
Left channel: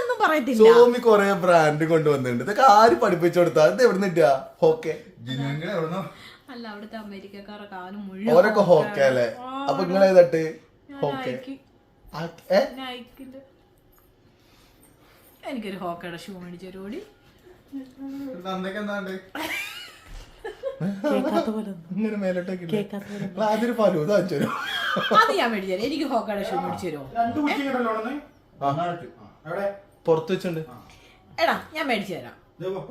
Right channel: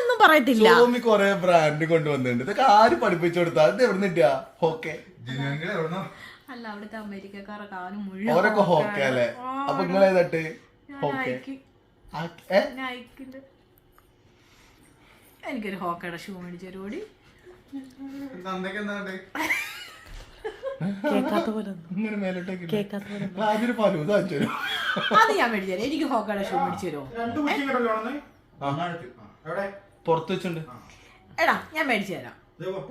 ഒന്നും പറയത്തില്ല. സോമി കൊറേ ബ്രാൻഡ് കൊണ്ടുവന്നിട്ടുണ്ട്. ഇതൊക്കെ ആര് പഠിപ്പിച്ചു കൊടുത്താ? ഇത് എവിടെ നിട്ടാ? ഹോക്കെ അല്ല, അവിടുത്തെ അമേരിക്കക്കാരെ കാലം മുഴുവൻ ഓരൊക്കെ ഹോക്കെ അല്ലേ? അപ്പൊ നിങ്ങൾ ഏതട്ട്? ഹോക്കെ. എനിക്കൊരു ഹോക്കയുടെ ഷൂ മേടിച്ചു തരുമോടി? കേക്കാത്ത പോലെ ഇങ്ങനെ മേലോട്ടേക്ക് കേക്കാത്ത പോലെ ആദ്യം ഫലൂദ വാങ്ങിച്ചു തരും. അത് ഞാൻ മേടിച്ചു തരാം. എനിക്ക് ഹോക്കയുടെ ഷൂ മേടിച്ചു തരുമോ? പുറത്ത് വെച്ചുണ്ട്. എടാ ഞാൻ മേടിച്ചു തരാം.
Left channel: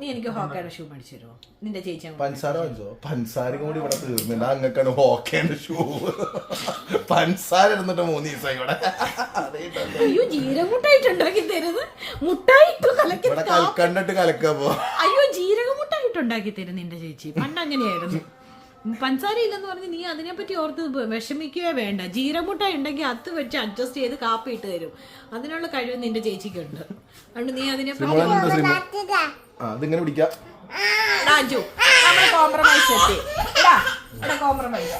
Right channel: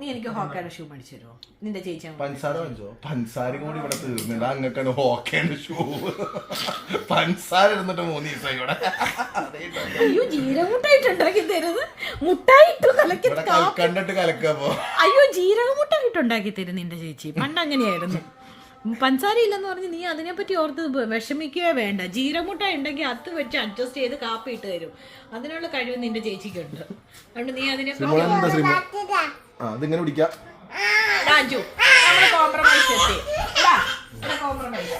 നീ എനിക്ക് ഹോക്കയുടെ ഷൂ മേടിച്ചു തരുമോ? നിന്റെ ചേച്ചി പഞ്ചസാര വാങ്ങിച്ചോ? പഞ്ചസാരയും കൂടി ഇവിടെ തീർന്നില്ല. അങ്ങക്കാണ് ഹോക്കേന്റെ ഷൂ. പഞ്ചസാര ഇരുന്നിട്ട് 3 ദിവസം ഇവിടെ. അയ്യോ, ജീരകമുട്ടായിട്ട് ഉണ്ടാക്കി തരുന്നത്. മുട്ടായിട്ട് ഇവിടെ കൽക്കണ്ടിട്ട് കലക്കാപ്പോ. അയ്യോ, ജീരകമുട്ടായിട്ട് ഉണ്ടാക്കി തരും നിന്റെ ചേച്ചി. പണ്ട് അങ്ങനെയായിരുന്നു. പഞ്ചസാര ഇല്ലെന്ന് പറഞ്ഞ് നീ അതിനെപ്പറ്റി ഓർത്ത് വിഷമിക്കുകയോ വേണ്ട. ജീരകമുട്ടായി ഉണ്ടെങ്കിൽ അത് വെച്ച് അഡ്ജസ്റ്റ് ചെയ്ത് കാപ്പി ഇട്ട് തരും. അതിനുള്ള കഴിവ് നിന്റെ ചേച്ചിക്കുണ്ട്. അതുകൊണ്ട് നീ അതിനെപ്പറ്റി അതിങ്ങനെ പിടിക്കാം. കോംപ്രമൈസ് എത്തി. കോംപ്രമൈസ്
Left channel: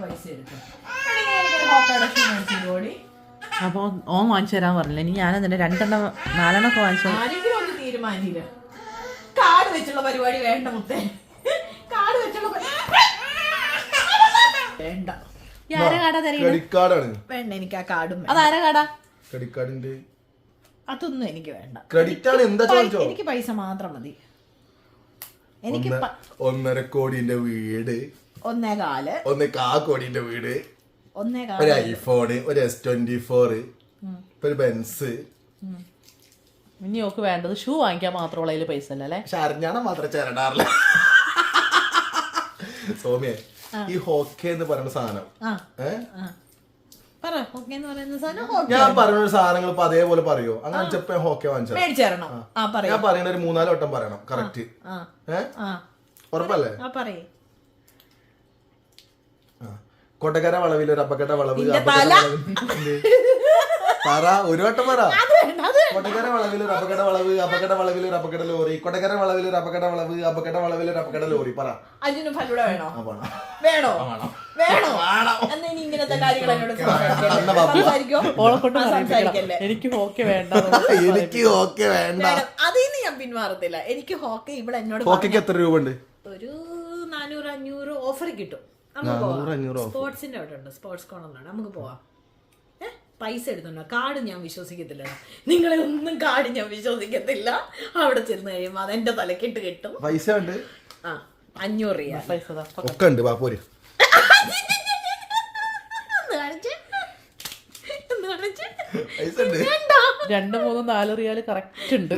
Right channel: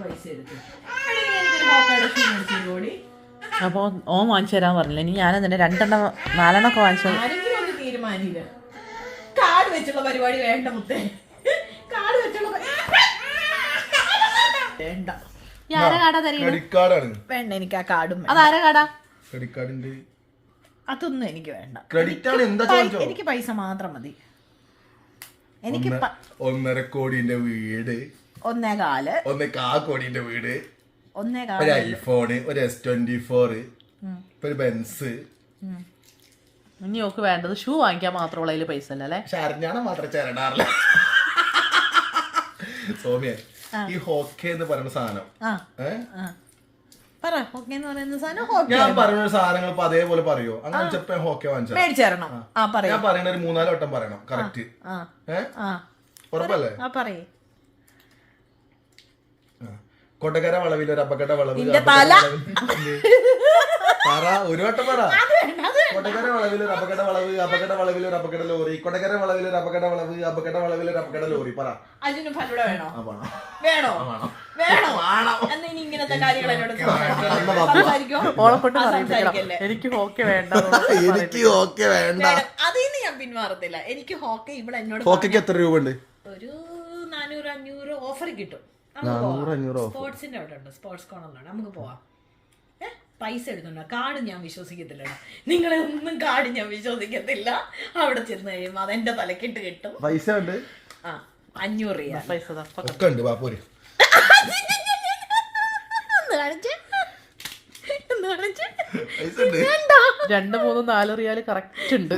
പൈസ എടുക്കും. അപ്പൊ ഓൻ വാങ്ങിച്ചു തരാന്ന് പറഞ്ഞില്ല. ഇനി ഞാൻ തന്നെ 2-4 ഒക്കെ വാങ്ങിച്ചത്. ആരെങ്കിലും ഒന്ന് തീരുമാനിച്ചില്ല. കാർഡ് വെച്ചുള്ള പരിപാടി വേണ്ട മുത്തേ. കാർഡ് വെച്ചുള്ള വേണ്ട. ആരെ കാടാ തരീ? ക്രെഡിറ്റ് കാർഡാണ്. വേണ്ട, എനിക്ക് ആ കാർഡും അതാരെ കാടാ? ക്രെഡിറ്റ് കാർഡിന്റെ അതൊന്നും എനിക്ക് വേണ്ട. ക്രെഡിറ്റ് ആണ്. എന്താ ചോദിച്ചോ? എനിക്ക് പൈസ മാത്രം മതി. എനിക്ക് 1.5 കോടിന്റെ വീട്, 1.25 കോടിന്റെ വീട്, 1.25 ഒരു ഐഫോണ്, ഒരു S24, ഒരു ബെൻസ്. ഇനി ഓക്ക് വേണ്ടത് ഷൂ വാങ്ങിക്കാൻ മാത്രമുള്ള അതിൽ പൈസ അല്ലേ? പക്ഷെ അറിഞ്ഞാണ് മാത്രം ചേരണ്ടാറില്ല. സോമിയ, ഈ ഹോക്കെ എന്ന് പറയുന്ന സാധനം ഞാൻ പറയുന്ന സാധനങ്ങൾ ഇപ്പൊ അതേപോലെ പറയോ? അങ്ങനെ ചെപ്പ ഹോക്കെ വാങ്ങിച്ചു ഞാൻ പറയണ ഒരു 3-4 വട്ടം പറയണം. കറക്റ്റ്. ഉറപ്പല്ലേ? കൊട്ടക്കര വളവിൽ ഒരു അപകട വളവ്. പറ, ഒരു വട്ടം പറ. കൊട്ടക്കര വളവിൽ ഒരു അപകട വളവ്, അപകട വളവിൽ ഒരു അപകട ലോറി, കൊട്ടക്കര വളവിൽ ഒരു അപകട വളവ്, അപകട വളവിൽ ഒരു അപകട ലോറി. പറ. അതിന് ഫലൂഡ വേണോ? വേണോ? വേണോ? എന്നാ ഇനി ഇങ്ങനത്തെ കാര്യങ്ങൾ എന്നോട് സംസാരിക്കല്ലേ? എനിക്ക് ഹോക്കെ വേണ്ട. എനിക്ക് ഹോക്കെ വേണ്ട. അതിന്ന് ഞാൻ പിന്മാറത്തില്ല. എനിക്ക് ഹോക്കെ ഇവിടെ എന്നോട് ഹോക്കയ്ക്ക് എത്ര രൂപ ഉണ്ട്? ഒരു 400-500 ഓഫർ കിട്ടും. സ്പോർട്സിന്റെ അവിടെ ഉണ്ട്, സ്പോർട്സ് കോർണറിലാണ്. നമുക്ക് പോവാം. പൈസ എടുത്തുണ്ടോ? കാർഡ് ഞാൻ വിശ്വസിക്കത്തില്ല. നിങ്ങളെ ഒന്നും കാർഡ് ഞാൻ വിശ്വസിക്കത്തില്ല. അവിടെ ചെന്ന് കഴിയുമ്പോ അതെന്റെ തലക്കിട്ട് കിട്ടും. പൈസ ഉണ്ട്. 500 രൂപ പൈസ ഒക്കെ ഉണ്ട്. പോര്. 2-3-4 റിയാല് കറക്റ്റ് ഉണ്ട്.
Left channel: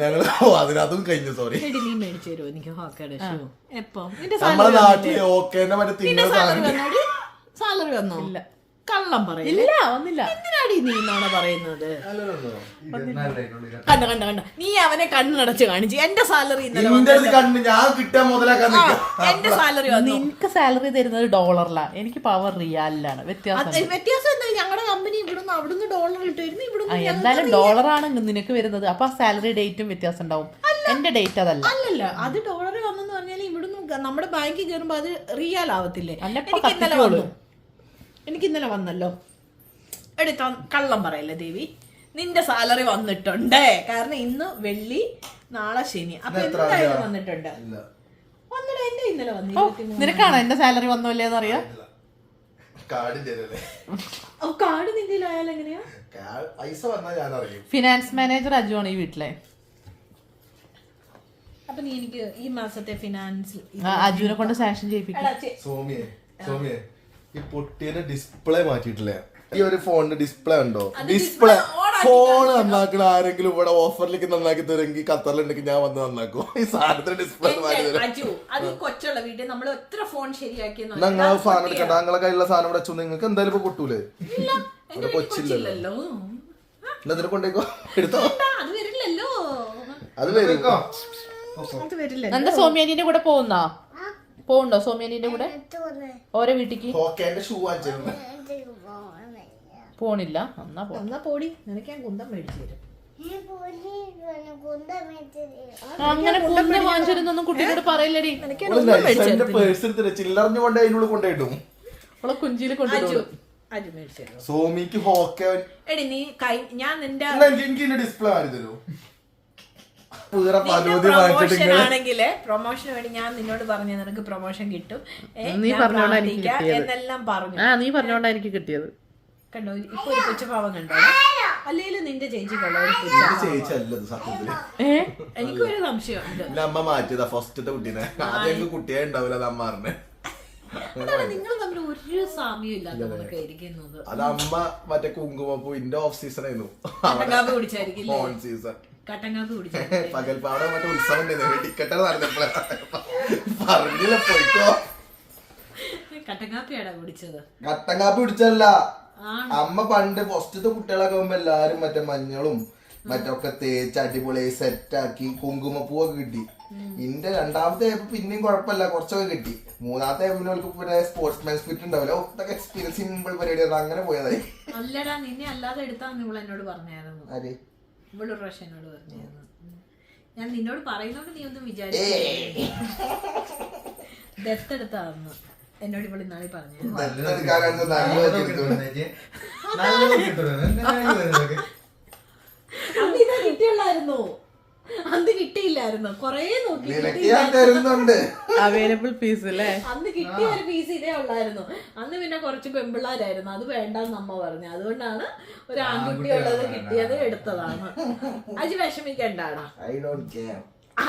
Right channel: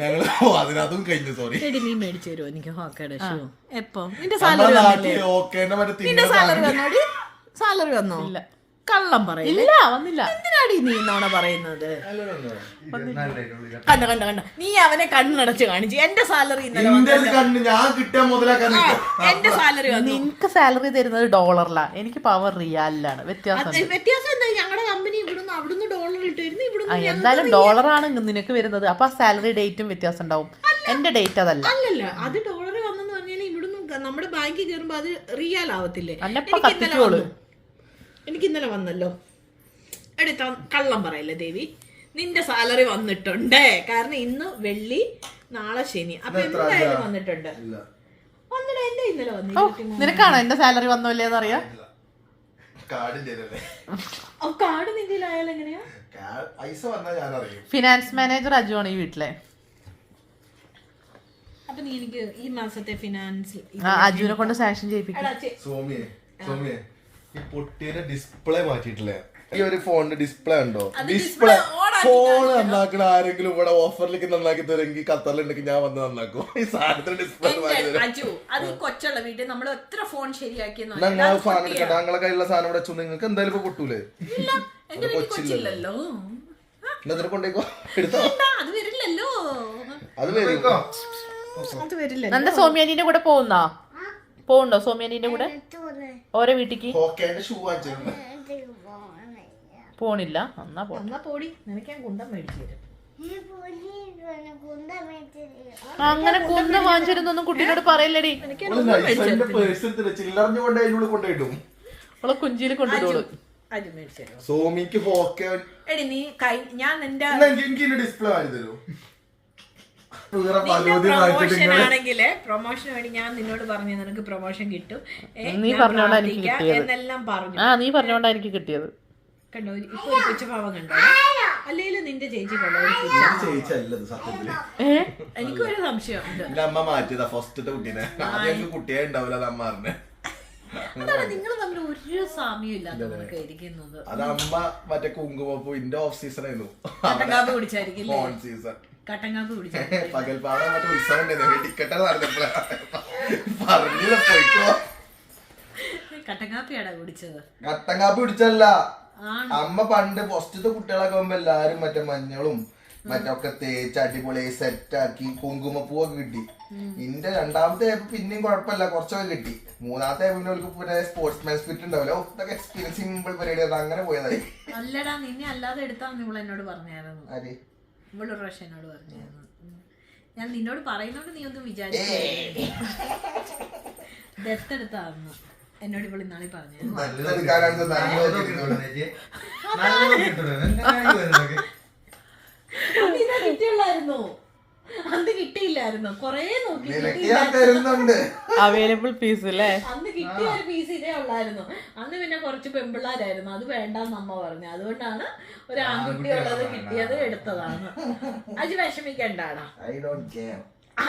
ഞങ്ങള് അതിനകത്തും കഴിഞ്ഞു. സോറി. നീ മേടിച്ചു തരുമോ എനിക്ക് ഹോക്കയുടെ ഷൂ? എപ്പോ? നമ്മളെ നാട്ടില് ഓക്കേന്റെ മറ്റേ സാലറി വന്നോ? ഇല്ല. കള്ളം പറയും. ഇല്ല, വന്നില്ല. എന്തിനാടി നീ നോണ പറയുന്നത്? കണ്ട നീ അവനെ കണ്ണടച്ച് കാണിച്ചു. എന്റെ സാലറി ഇന്നലെ ഞാൻ കിട്ടാൻ മുതലാക്കാൻ എന്റെ സാലറി നിനക്ക് സാലറി തരുന്നത് ഡോളറിലാണ്, എനിക്ക് പവർ റിയാലിലാണ്. വ്യത്യാസം എന്താ? ഞങ്ങളുടെ കമ്പനി ഇവിടെ ഇവിടുന്ന് അവിടുന്ന് ഡോളർ ഇട്ടായിരുന്നു ഇവിടുന്ന് എന്തായാലും ഡോളറാണ് നിനക്ക് വരുന്നത്. അപ്പൊ സാലറി ഡേറ്റും വ്യത്യാസം ഉണ്ടാവും. എന്റെ ഡേറ്റ് അതല്ല. അല്ലല്ല, അത് ഡോളർ വന്നെന്ന് പറഞ്ഞാൽ ഇവിടുന്ന് നമ്മുടെ ബാങ്കിൽ കയറുമ്പോ അത് റിയാൽ ആവത്തില്ലേ? അല്ലപ്പ കത്തിക്കോളൂ. എനിക്ക് ഇന്നലെ വന്നല്ലോ. എടുത്താ കള്ളം പറയല്ലേ ദേവി, നിന്റെ സാലറി വന്നിട്ടുണ്ട്. കാരണം ഇന്ന് വെള്ളി, നാളെ ശനി, അപ്പൊ എന്തായാലും വന്നിട്ടുണ്ട്. വന്നിട്ട് എന്റെ ഇന്നലെ വന്നു. നിനക്കാണോ എന്റെ സാലറി വന്നില്ലേന്ന് അറിയാം? കാർഡ് നിന്റെ ആയാലും എങ്ങനെയാ? പൈസ വന്നാൽ ഞാൻ അറിയും. ഫിനാൻസ് മാനേജർ അജു ആണ് ഈ വീട്ടിലെ. അപ്പൊ നീ എനിക്ക് ഈ മാസത്തെ ഫിനാൻസ് അജുവിനെ കൊണ്ട് സാങ്ഷൻ ചെയ്യിപ്പിക്കും. സോമിയെ ഈ പൊട്ടിയുടെ ഡിസ്പ്ലേ മാറ്റിയിട്ടില്ലേ? ഈ ഒരു ഫോണിന്റെ ഡിസ്പ്ലേ ഉണ്ടോ? ഡിസ്പ്ലേ ഫോൺ നന്നാക്കണ ആരെങ്കിലും ഇവിടെ ഓഫറിലേക്ക് നന്നാക്കി തരുമെങ്കിൽ ഖത്തറിലുണ്ടെങ്കിൽ ഞാൻ വന്ന് നന്നാക്കും. ഈ സാധനത്തിന്റെ ഡിസ്പ്ലേ മാറ്റി തരും. അത് കൊച്ചുള്ള വീട്ടിൽ നമ്മൾ എത്ര ഫോൺ ശരിയാക്കി ഞങ്ങളെ സാധനം എടുക്കണ്ട. ഞങ്ങളെ കയ്യിലുള്ള സാധനം ഇവിടെ വെച്ചു നിങ്ങൾക്ക് എന്തായാലും ഇപ്പൊ പൊട്ടൂലേ? അത് കൊച്ചില്ലല്ലോ. എന്നതിനെ കൊണ്ടേക്കോ, എടുത്തോ. അത് വരില്ലല്ലോ, അത് വരും. അത് വരില്ല. നന്റെ സോമ്യാനിന്റെ കൂടെ പോവുണ്ടോ? സോമ്യാനിന്റെ കൂടെ ഓരോ വീട്ടിക്ക് ഷൂ വാങ്ങിച്ചിരുന്നു. പോണില്ല. എന്നാ എന്നാ പോടി, നിനക്ക് ഞാൻ കുന്തം മേടിച്ചു തരും. അങ്ങനെ കുന്തം വാങ്ങിച്ചിരുന്നൊന്നും കുട്ടീനോട് പറയില്ലടി. ചില്ലറിഞ്ഞുകൊണ്ട് അതിനുള്ളിൽ കൊണ്ടുപോയിട്ടും അവളെ കുഞ്ചിയിൽ കൊണ്ടുപോകും. അത് മേടിച്ചു തരും. സോമിക്ക് ഹോക്കെ എടി നീ ഞാൻ നിന്റെ ഡിസ്പ്ലേ വാങ്ങി തരൂ. പ്രൊമോഷൻ വേണ്ടി ഞാൻ നിന്നോട് പറഞ്ഞു നിനക്ക് പ്രൊമോഷൻ കിട്ടും, നീ പറഞ്ഞോണ്ടാ എനിക്ക് കിട്ടിയത്. എന്നെല്ലാം പറഞ്ഞു. നീ പറഞ്ഞോണ്ടാ എനിക്ക് കിട്ടിയത്. കണ്ടോ ഇപ്പൊ ഒരു കൊച്ചുപാവം കണ്ടോ? അല്ലെങ്കിലും നിന്റെ ചേച്ചി എനിക്കൊരു സംശയമുണ്ട്. അമ്മ മാറ്റിയതാ ഫസ്റ്റത്തെ കുട്ടീനെ. ആദ്യം കുട്ടിയെ ഉണ്ടാവില്ല അമ്മ പറഞ്ഞേ. നിങ്ങൾ തമ്മിൽ ഒരു സാമ്യം ഇല്ലാത്തതൊക്കെ ഇരിക്കുന്നത്. അത് അമ്മ മറ്റേ കുങ്കുമപ്പൂ ഇന്റെ ഓഫ് സീസൺ ആയിരുന്നു. കട്ടങ്കാപ്പി കുടിച്ചായിരിക്കും. On season കട്ടങ്കാപ്പി കുടിച്ചായിരിക്കും. പകൽപ്പാടം മറ്റേ ഉത്സവം ഉണ്ടായിരുന്നു. ടിക്കറ്റ് നടന്നപ്പോഴാ പറഞ്ഞില്ല പോയിക്കോ. കട്ടങ്കാപ്പിയാടാ കുടിച്ചത്. കട്ടങ്കാപ്പി കുടിച്ചല്ല അമ്മ. പണ്ട് ഫസ്റ്റത്തെ കുട്ടികളൊക്കെ ആകുമ്പോ എല്ലാരും മറ്റേ മഞ്ഞളും മറ്റൊക്കെ തേച്ച് അടിപൊളിയായി സെറ്റാക്കി കുങ്കുമപ്പൂവൊക്കെ കിട്ടി. ഇന്റെ രണ്ടാമത്തെ പിന്നെയും കുഴപ്പമില്ല, കുറച്ചൊക്കെ കിട്ടി. മൂന്നാമത്തെ പിന്നെ സ്പോർട്സ്മാൻ സ്പിരിറ്റ് ഉണ്ടാവില്ല. ഒത്തൊക്കെ എക്സ്പീരിയൻസ് സിമ്പിൾ പരിപാടി അങ്ങനെ പോയതായി. അല്ലടാ, നിന്നെ അല്ലാതെ എടുത്താന്ന് ഇവള് എന്നോട് പറഞ്ഞായിരുന്നു. ആര്? ഇവളൊരു പ്രാവശ്യം എന്നോട് പറഞ്ഞായിരുന്നു. ഞാൻ നിന്നോട് പറയുന്നോണ്ട് നീ ഒന്നും വിചാരിച്ചു ദത്തെടുത്താന്ന് എന്നോട് ഇവള് ഇന്നാളെ പറഞ്ഞു. കിട്ടിയുള്ളായിരുന്നു, അന്ന് കിട്ടിയില്ലായിരുന്നു. കൊറേ നോക്കി അവൈലബിൾ പീസ് അല്ലേ? അന്ന് കിട്ടിയ ഒരു പീസ് ഇതേ ഉള്ളായിരുന്നു. അന്ന് പിന്നെ കുറച്ച് പെമ്പിള്ളാരായിരുന്നു, അത് വേണ്ടെന്ന് അമ്മ പറഞ്ഞു. അതുകൊണ്ടാണ് ഒരു ആൺകുട്ടി ഉള്ളത് കിട്ടിയത് എടുത്തതാണ്. അത് വിഷമിക്കണ്ടാണ്.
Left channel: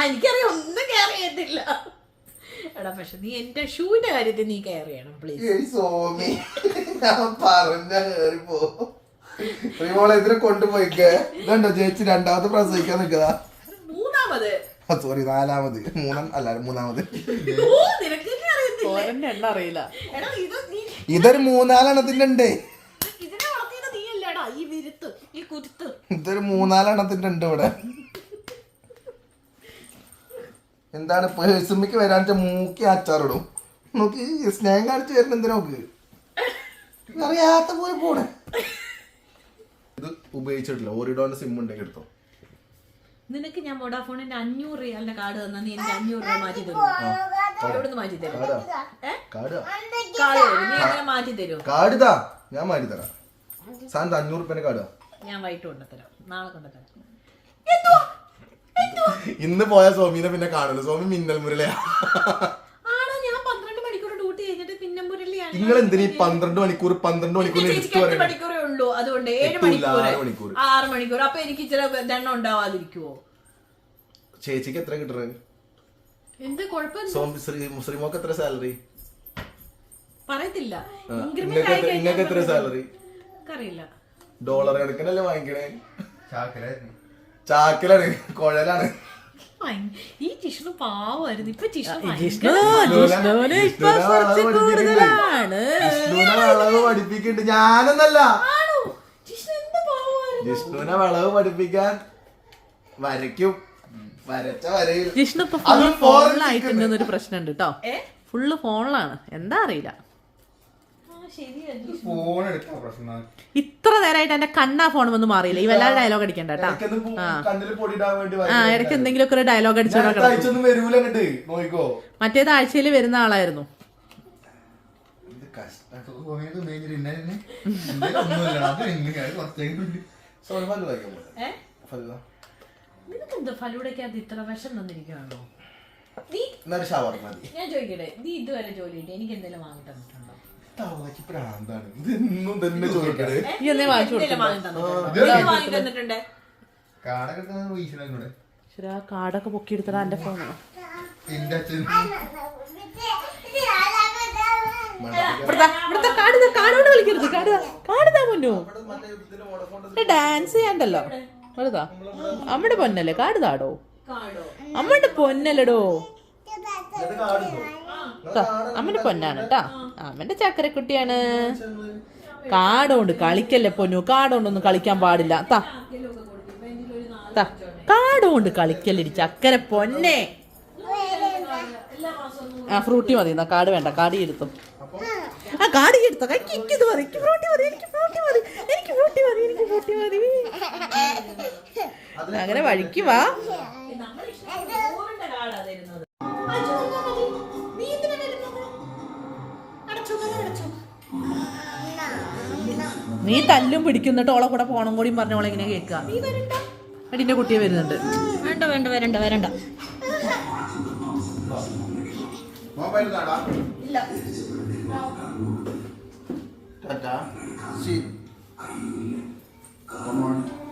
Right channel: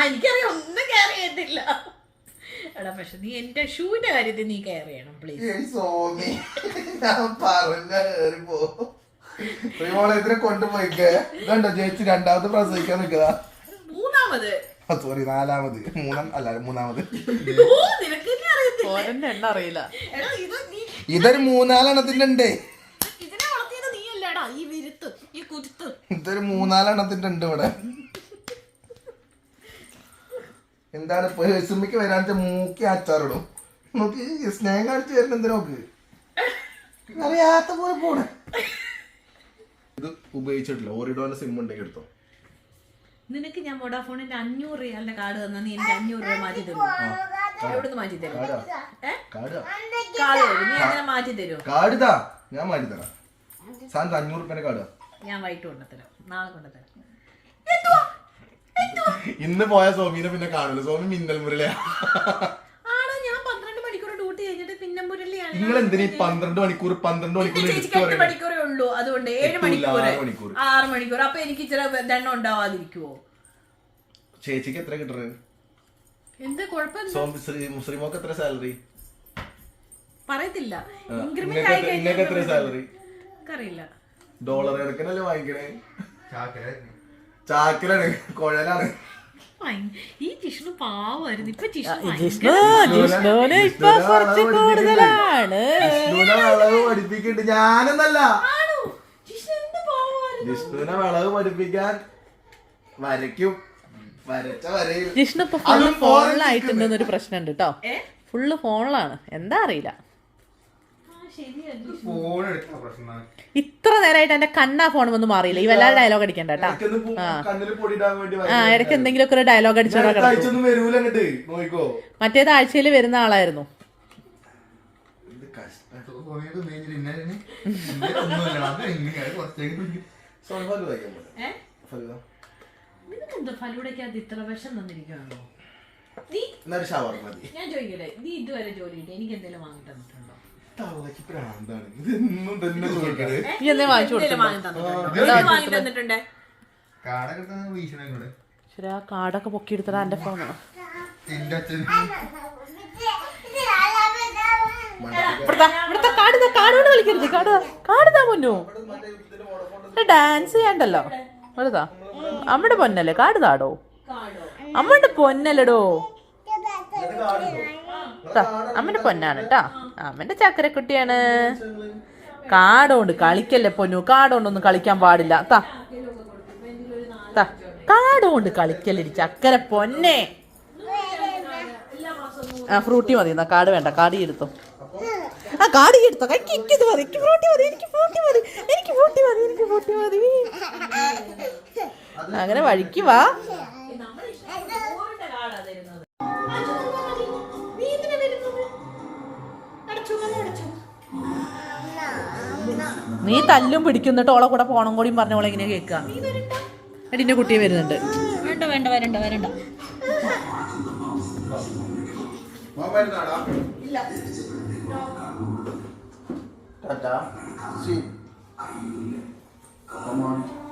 എനിക്കറിയാം, ഒന്നും കെയർ ചെയ്യത്തില്ല. എടാ പക്ഷെ നീ എന്റെ ഷൂവിന്റെ കാര്യത്തിൽ നീ കെയർ ചെയ്യണം പ്ലീസ്. സോമി ഞാൻ ഇതിനെ കൊണ്ടുപോയിക്കേ. കണ്ടോ ചേച്ചി രണ്ടാമത് പ്രസവിക്കാൻ നിൽക്കതാ. മൂന്നാമത് സോറി നാലാമത്. മൂന്നാമത്. എണ്ണ അറിയില്ല. ഇതൊരു 3-4 എണ്ണത്തിന്റെ ഉണ്ട്. ഇതൊരു 3-4 എണ്ണത്തിന്റെ ഉണ്ട് ഇവിടെ. എന്താണ് പേഴ്സുമ്മക്ക് വരാൻ മൂക്കി അച്ചാറിടും. നോക്കി സ്നേഹം കാണിച്ചു തരുന്ന എന്തിനാ നോക്ക്. അറിയാത്ത പോലെ പോണേ. ഇത് ഉപയോഗിച്ചിട്ടില്ല. ഓറിഡോന്റെ സിം ഉണ്ടെങ്കിൽ എടുത്തോ. നിനക്ക് ഞാൻ വോഡാഫോണിന്റെ 500 റിയാലിന്റെ കാർഡ് തന്നാ നീ എനിക്ക് 500 രൂപ മാറ്റി തരും. എവിടുന്ന് മാറ്റി തരും? കാർഡ് തരും. നീ അങ്ങനെ മാറ്റി തരും? കാർഡ് താ, ഞാൻ മാറ്റി തരാം. സാധനം 500 രൂപ കാർഡ്. ഞാൻ വൈകിട്ട് കൊണ്ടുതരാം, നാളെ കൊണ്ടുതരാം. ഇന്ന് പോയ സോമിനെ പിന്നെ കാണുമല്ലോ. സോമി മിന്നൽ മുരളിയാ. ആണോ? ഞാൻ 12 മണിക്കൂർ ഡ്യൂട്ടി കഴിഞ്ഞിട്ട് പിന്നെ മുരളിയാണ്. നിങ്ങൾ എന്തിനാ 12 മണിക്കൂർ 8 മണിക്കൂറേ ഉള്ളൂ. അതുകൊണ്ട് 7 മണിക്കൂർ 6 മണിക്കൂർ. അപ്പൊ എനിക്ക് ഇച്ചിരി ദണ്ണം ഉണ്ടാവാതിരിക്കുവോ? ചേച്ചിക്ക് എത്ര കിട്ടുന്നത്? എന്ത് കുഴപ്പം? മുസ്ലിമോക്ക് എത്ര സാലറി പറയത്തില്ല. ഇന്നൊക്കെ എത്ര സാലറി അറിയില്ല. ഡോളർ കണക്കിനല്ലേ വാങ്ങിക്കണേ? ചാക്കിലാണ്, കുഴലാണ്. ഈ ജിഷ്ണു പാവായിരുന്നു. ഇപ്പൊ വിളവ് പഠിപ്പിക്കുന്നുണ്ട്. ഞാനൊന്നല്ല, ജിഷ്ണുവിനെ വിളവ് പഠിപ്പിക്കാൻ വരയ്ക്കും. വരച്ച വരയിൽ ജിഷ്ണു ഇപ്പൊ ഫുള്ള് ഫോണിലായിട്ടുണ്ടെന്നൊരു പ്രശ്നമുണ്ട് കേട്ടോ. ഫുള്ള് ഫോണിലാണ്, എന്താ അറിയില്ല. ഫോൺ എടുക്കാൻ പ്രശ്നം. ഇത്ര നേരമായിട്ട് എന്റെ കണ്ണാ ഫോൺ വന്ന് മാറിയില്ല. ഈ വല്ലാതെ ഡയലോഗ് അടിക്കണ്ട കേട്ടാ. കണ്ണിൽ പൊടിയിടാൻ വേണ്ടി ആ ഇടയ്ക്ക് എന്തെങ്കിലുമൊക്കെ ഒരു ഡയലോഗ് അടിച്ചോടാ കിടക്കും. അയച്ചൊന്നും വരൂല അങ്ങട്ട് നോക്കിക്കോ. മറ്റേത് ആഴ്ചയിൽ വരുന്ന ആളായിരുന്നു. ഇത് കഷ്ടം. പോയത് ഭയങ്കര ഇന്നായിരുന്നു. ഒന്നുമല്ല, അത് എങ്ങനെയാണ് കുറച്ചെങ്കിലും സോൾവാക്ക് കഴിക്കാൻ പറ്റും. ഫലുവ. നിനക്കെന്താ ഫലൂടക്കകത്ത് ഇത്ര വിഷം തന്നിരിക്കുകയാണോ? നീ എന്നൊരു ഷവർ മതി. ഞാൻ ചോദിക്കട്ടെ, നീ ഇതുവരെ ജോലി കിട്ടി എനിക്ക് എന്തെങ്കിലും വാങ്ങി തന്നിട്ടുണ്ടോ? തവളക്ക് പ്രാന്താണ്. ഇതെന്നും തന്നെ ചോദിക്കണേ. നീ എന്നെ വാങ്ങിച്ചു തന്നിട്ടുണ്ട്. കാടൊക്കെ വീശണൂടെ ശരി, ആ കാർഡൊക്കെ പൊക്കിയെടുത്തടാ എന്റെ ഫോണോ. എന്റെ അച്ഛൻ ഇവിടുത്തെ കാർഡോട് കളിക്കരുത്. കാർഡാ പൊന്നു. ഡാൻസ് ചെയ്യാണ്ടല്ലോ. വെറുതാ അമ്മയുടെ പൊന്നല്ലേ, കാർഡ് താടോ. അമ്മയുടെ പൊന്നല്ലടോ. അമ്മന്റെ പൊന്നാണ് കേട്ടാ. അമ്മന്റെ ചക്കരക്കുട്ടിയാണ്. കാടോണ്ട് കളിക്കല്ലേ പൊന്നു. കാടോണ്ടൊന്നും കളിക്കാൻ പാടില്ല. കാടോണ്ട് കളിക്കല്ലേ ചക്കര പൊന്നെ. ആ ഫ്രൂട്ടി മതി. എന്നാ കാട് വേണ്ട, കാടി എടുത്തോ. ആ കാടി എടുത്തോ. ഇത് മതി. എനിക്ക് ഫ്രൂട്ടി മതി. അങ്ങനെ വഴിക്ക് വാ. നീ തല്ലും പിടിക്കുന്നിട്ട് ഓളെ കൂടെ പോണം കൂടിയും പറഞ്ഞോളെ ഇങ്ങനെ കേൾക്കുക. എടിന്റെ കുട്ടിയെ വരുന്നുണ്ട്. വേണ്ട. ഇല്ല. ടാറ്റാ. See. Come on.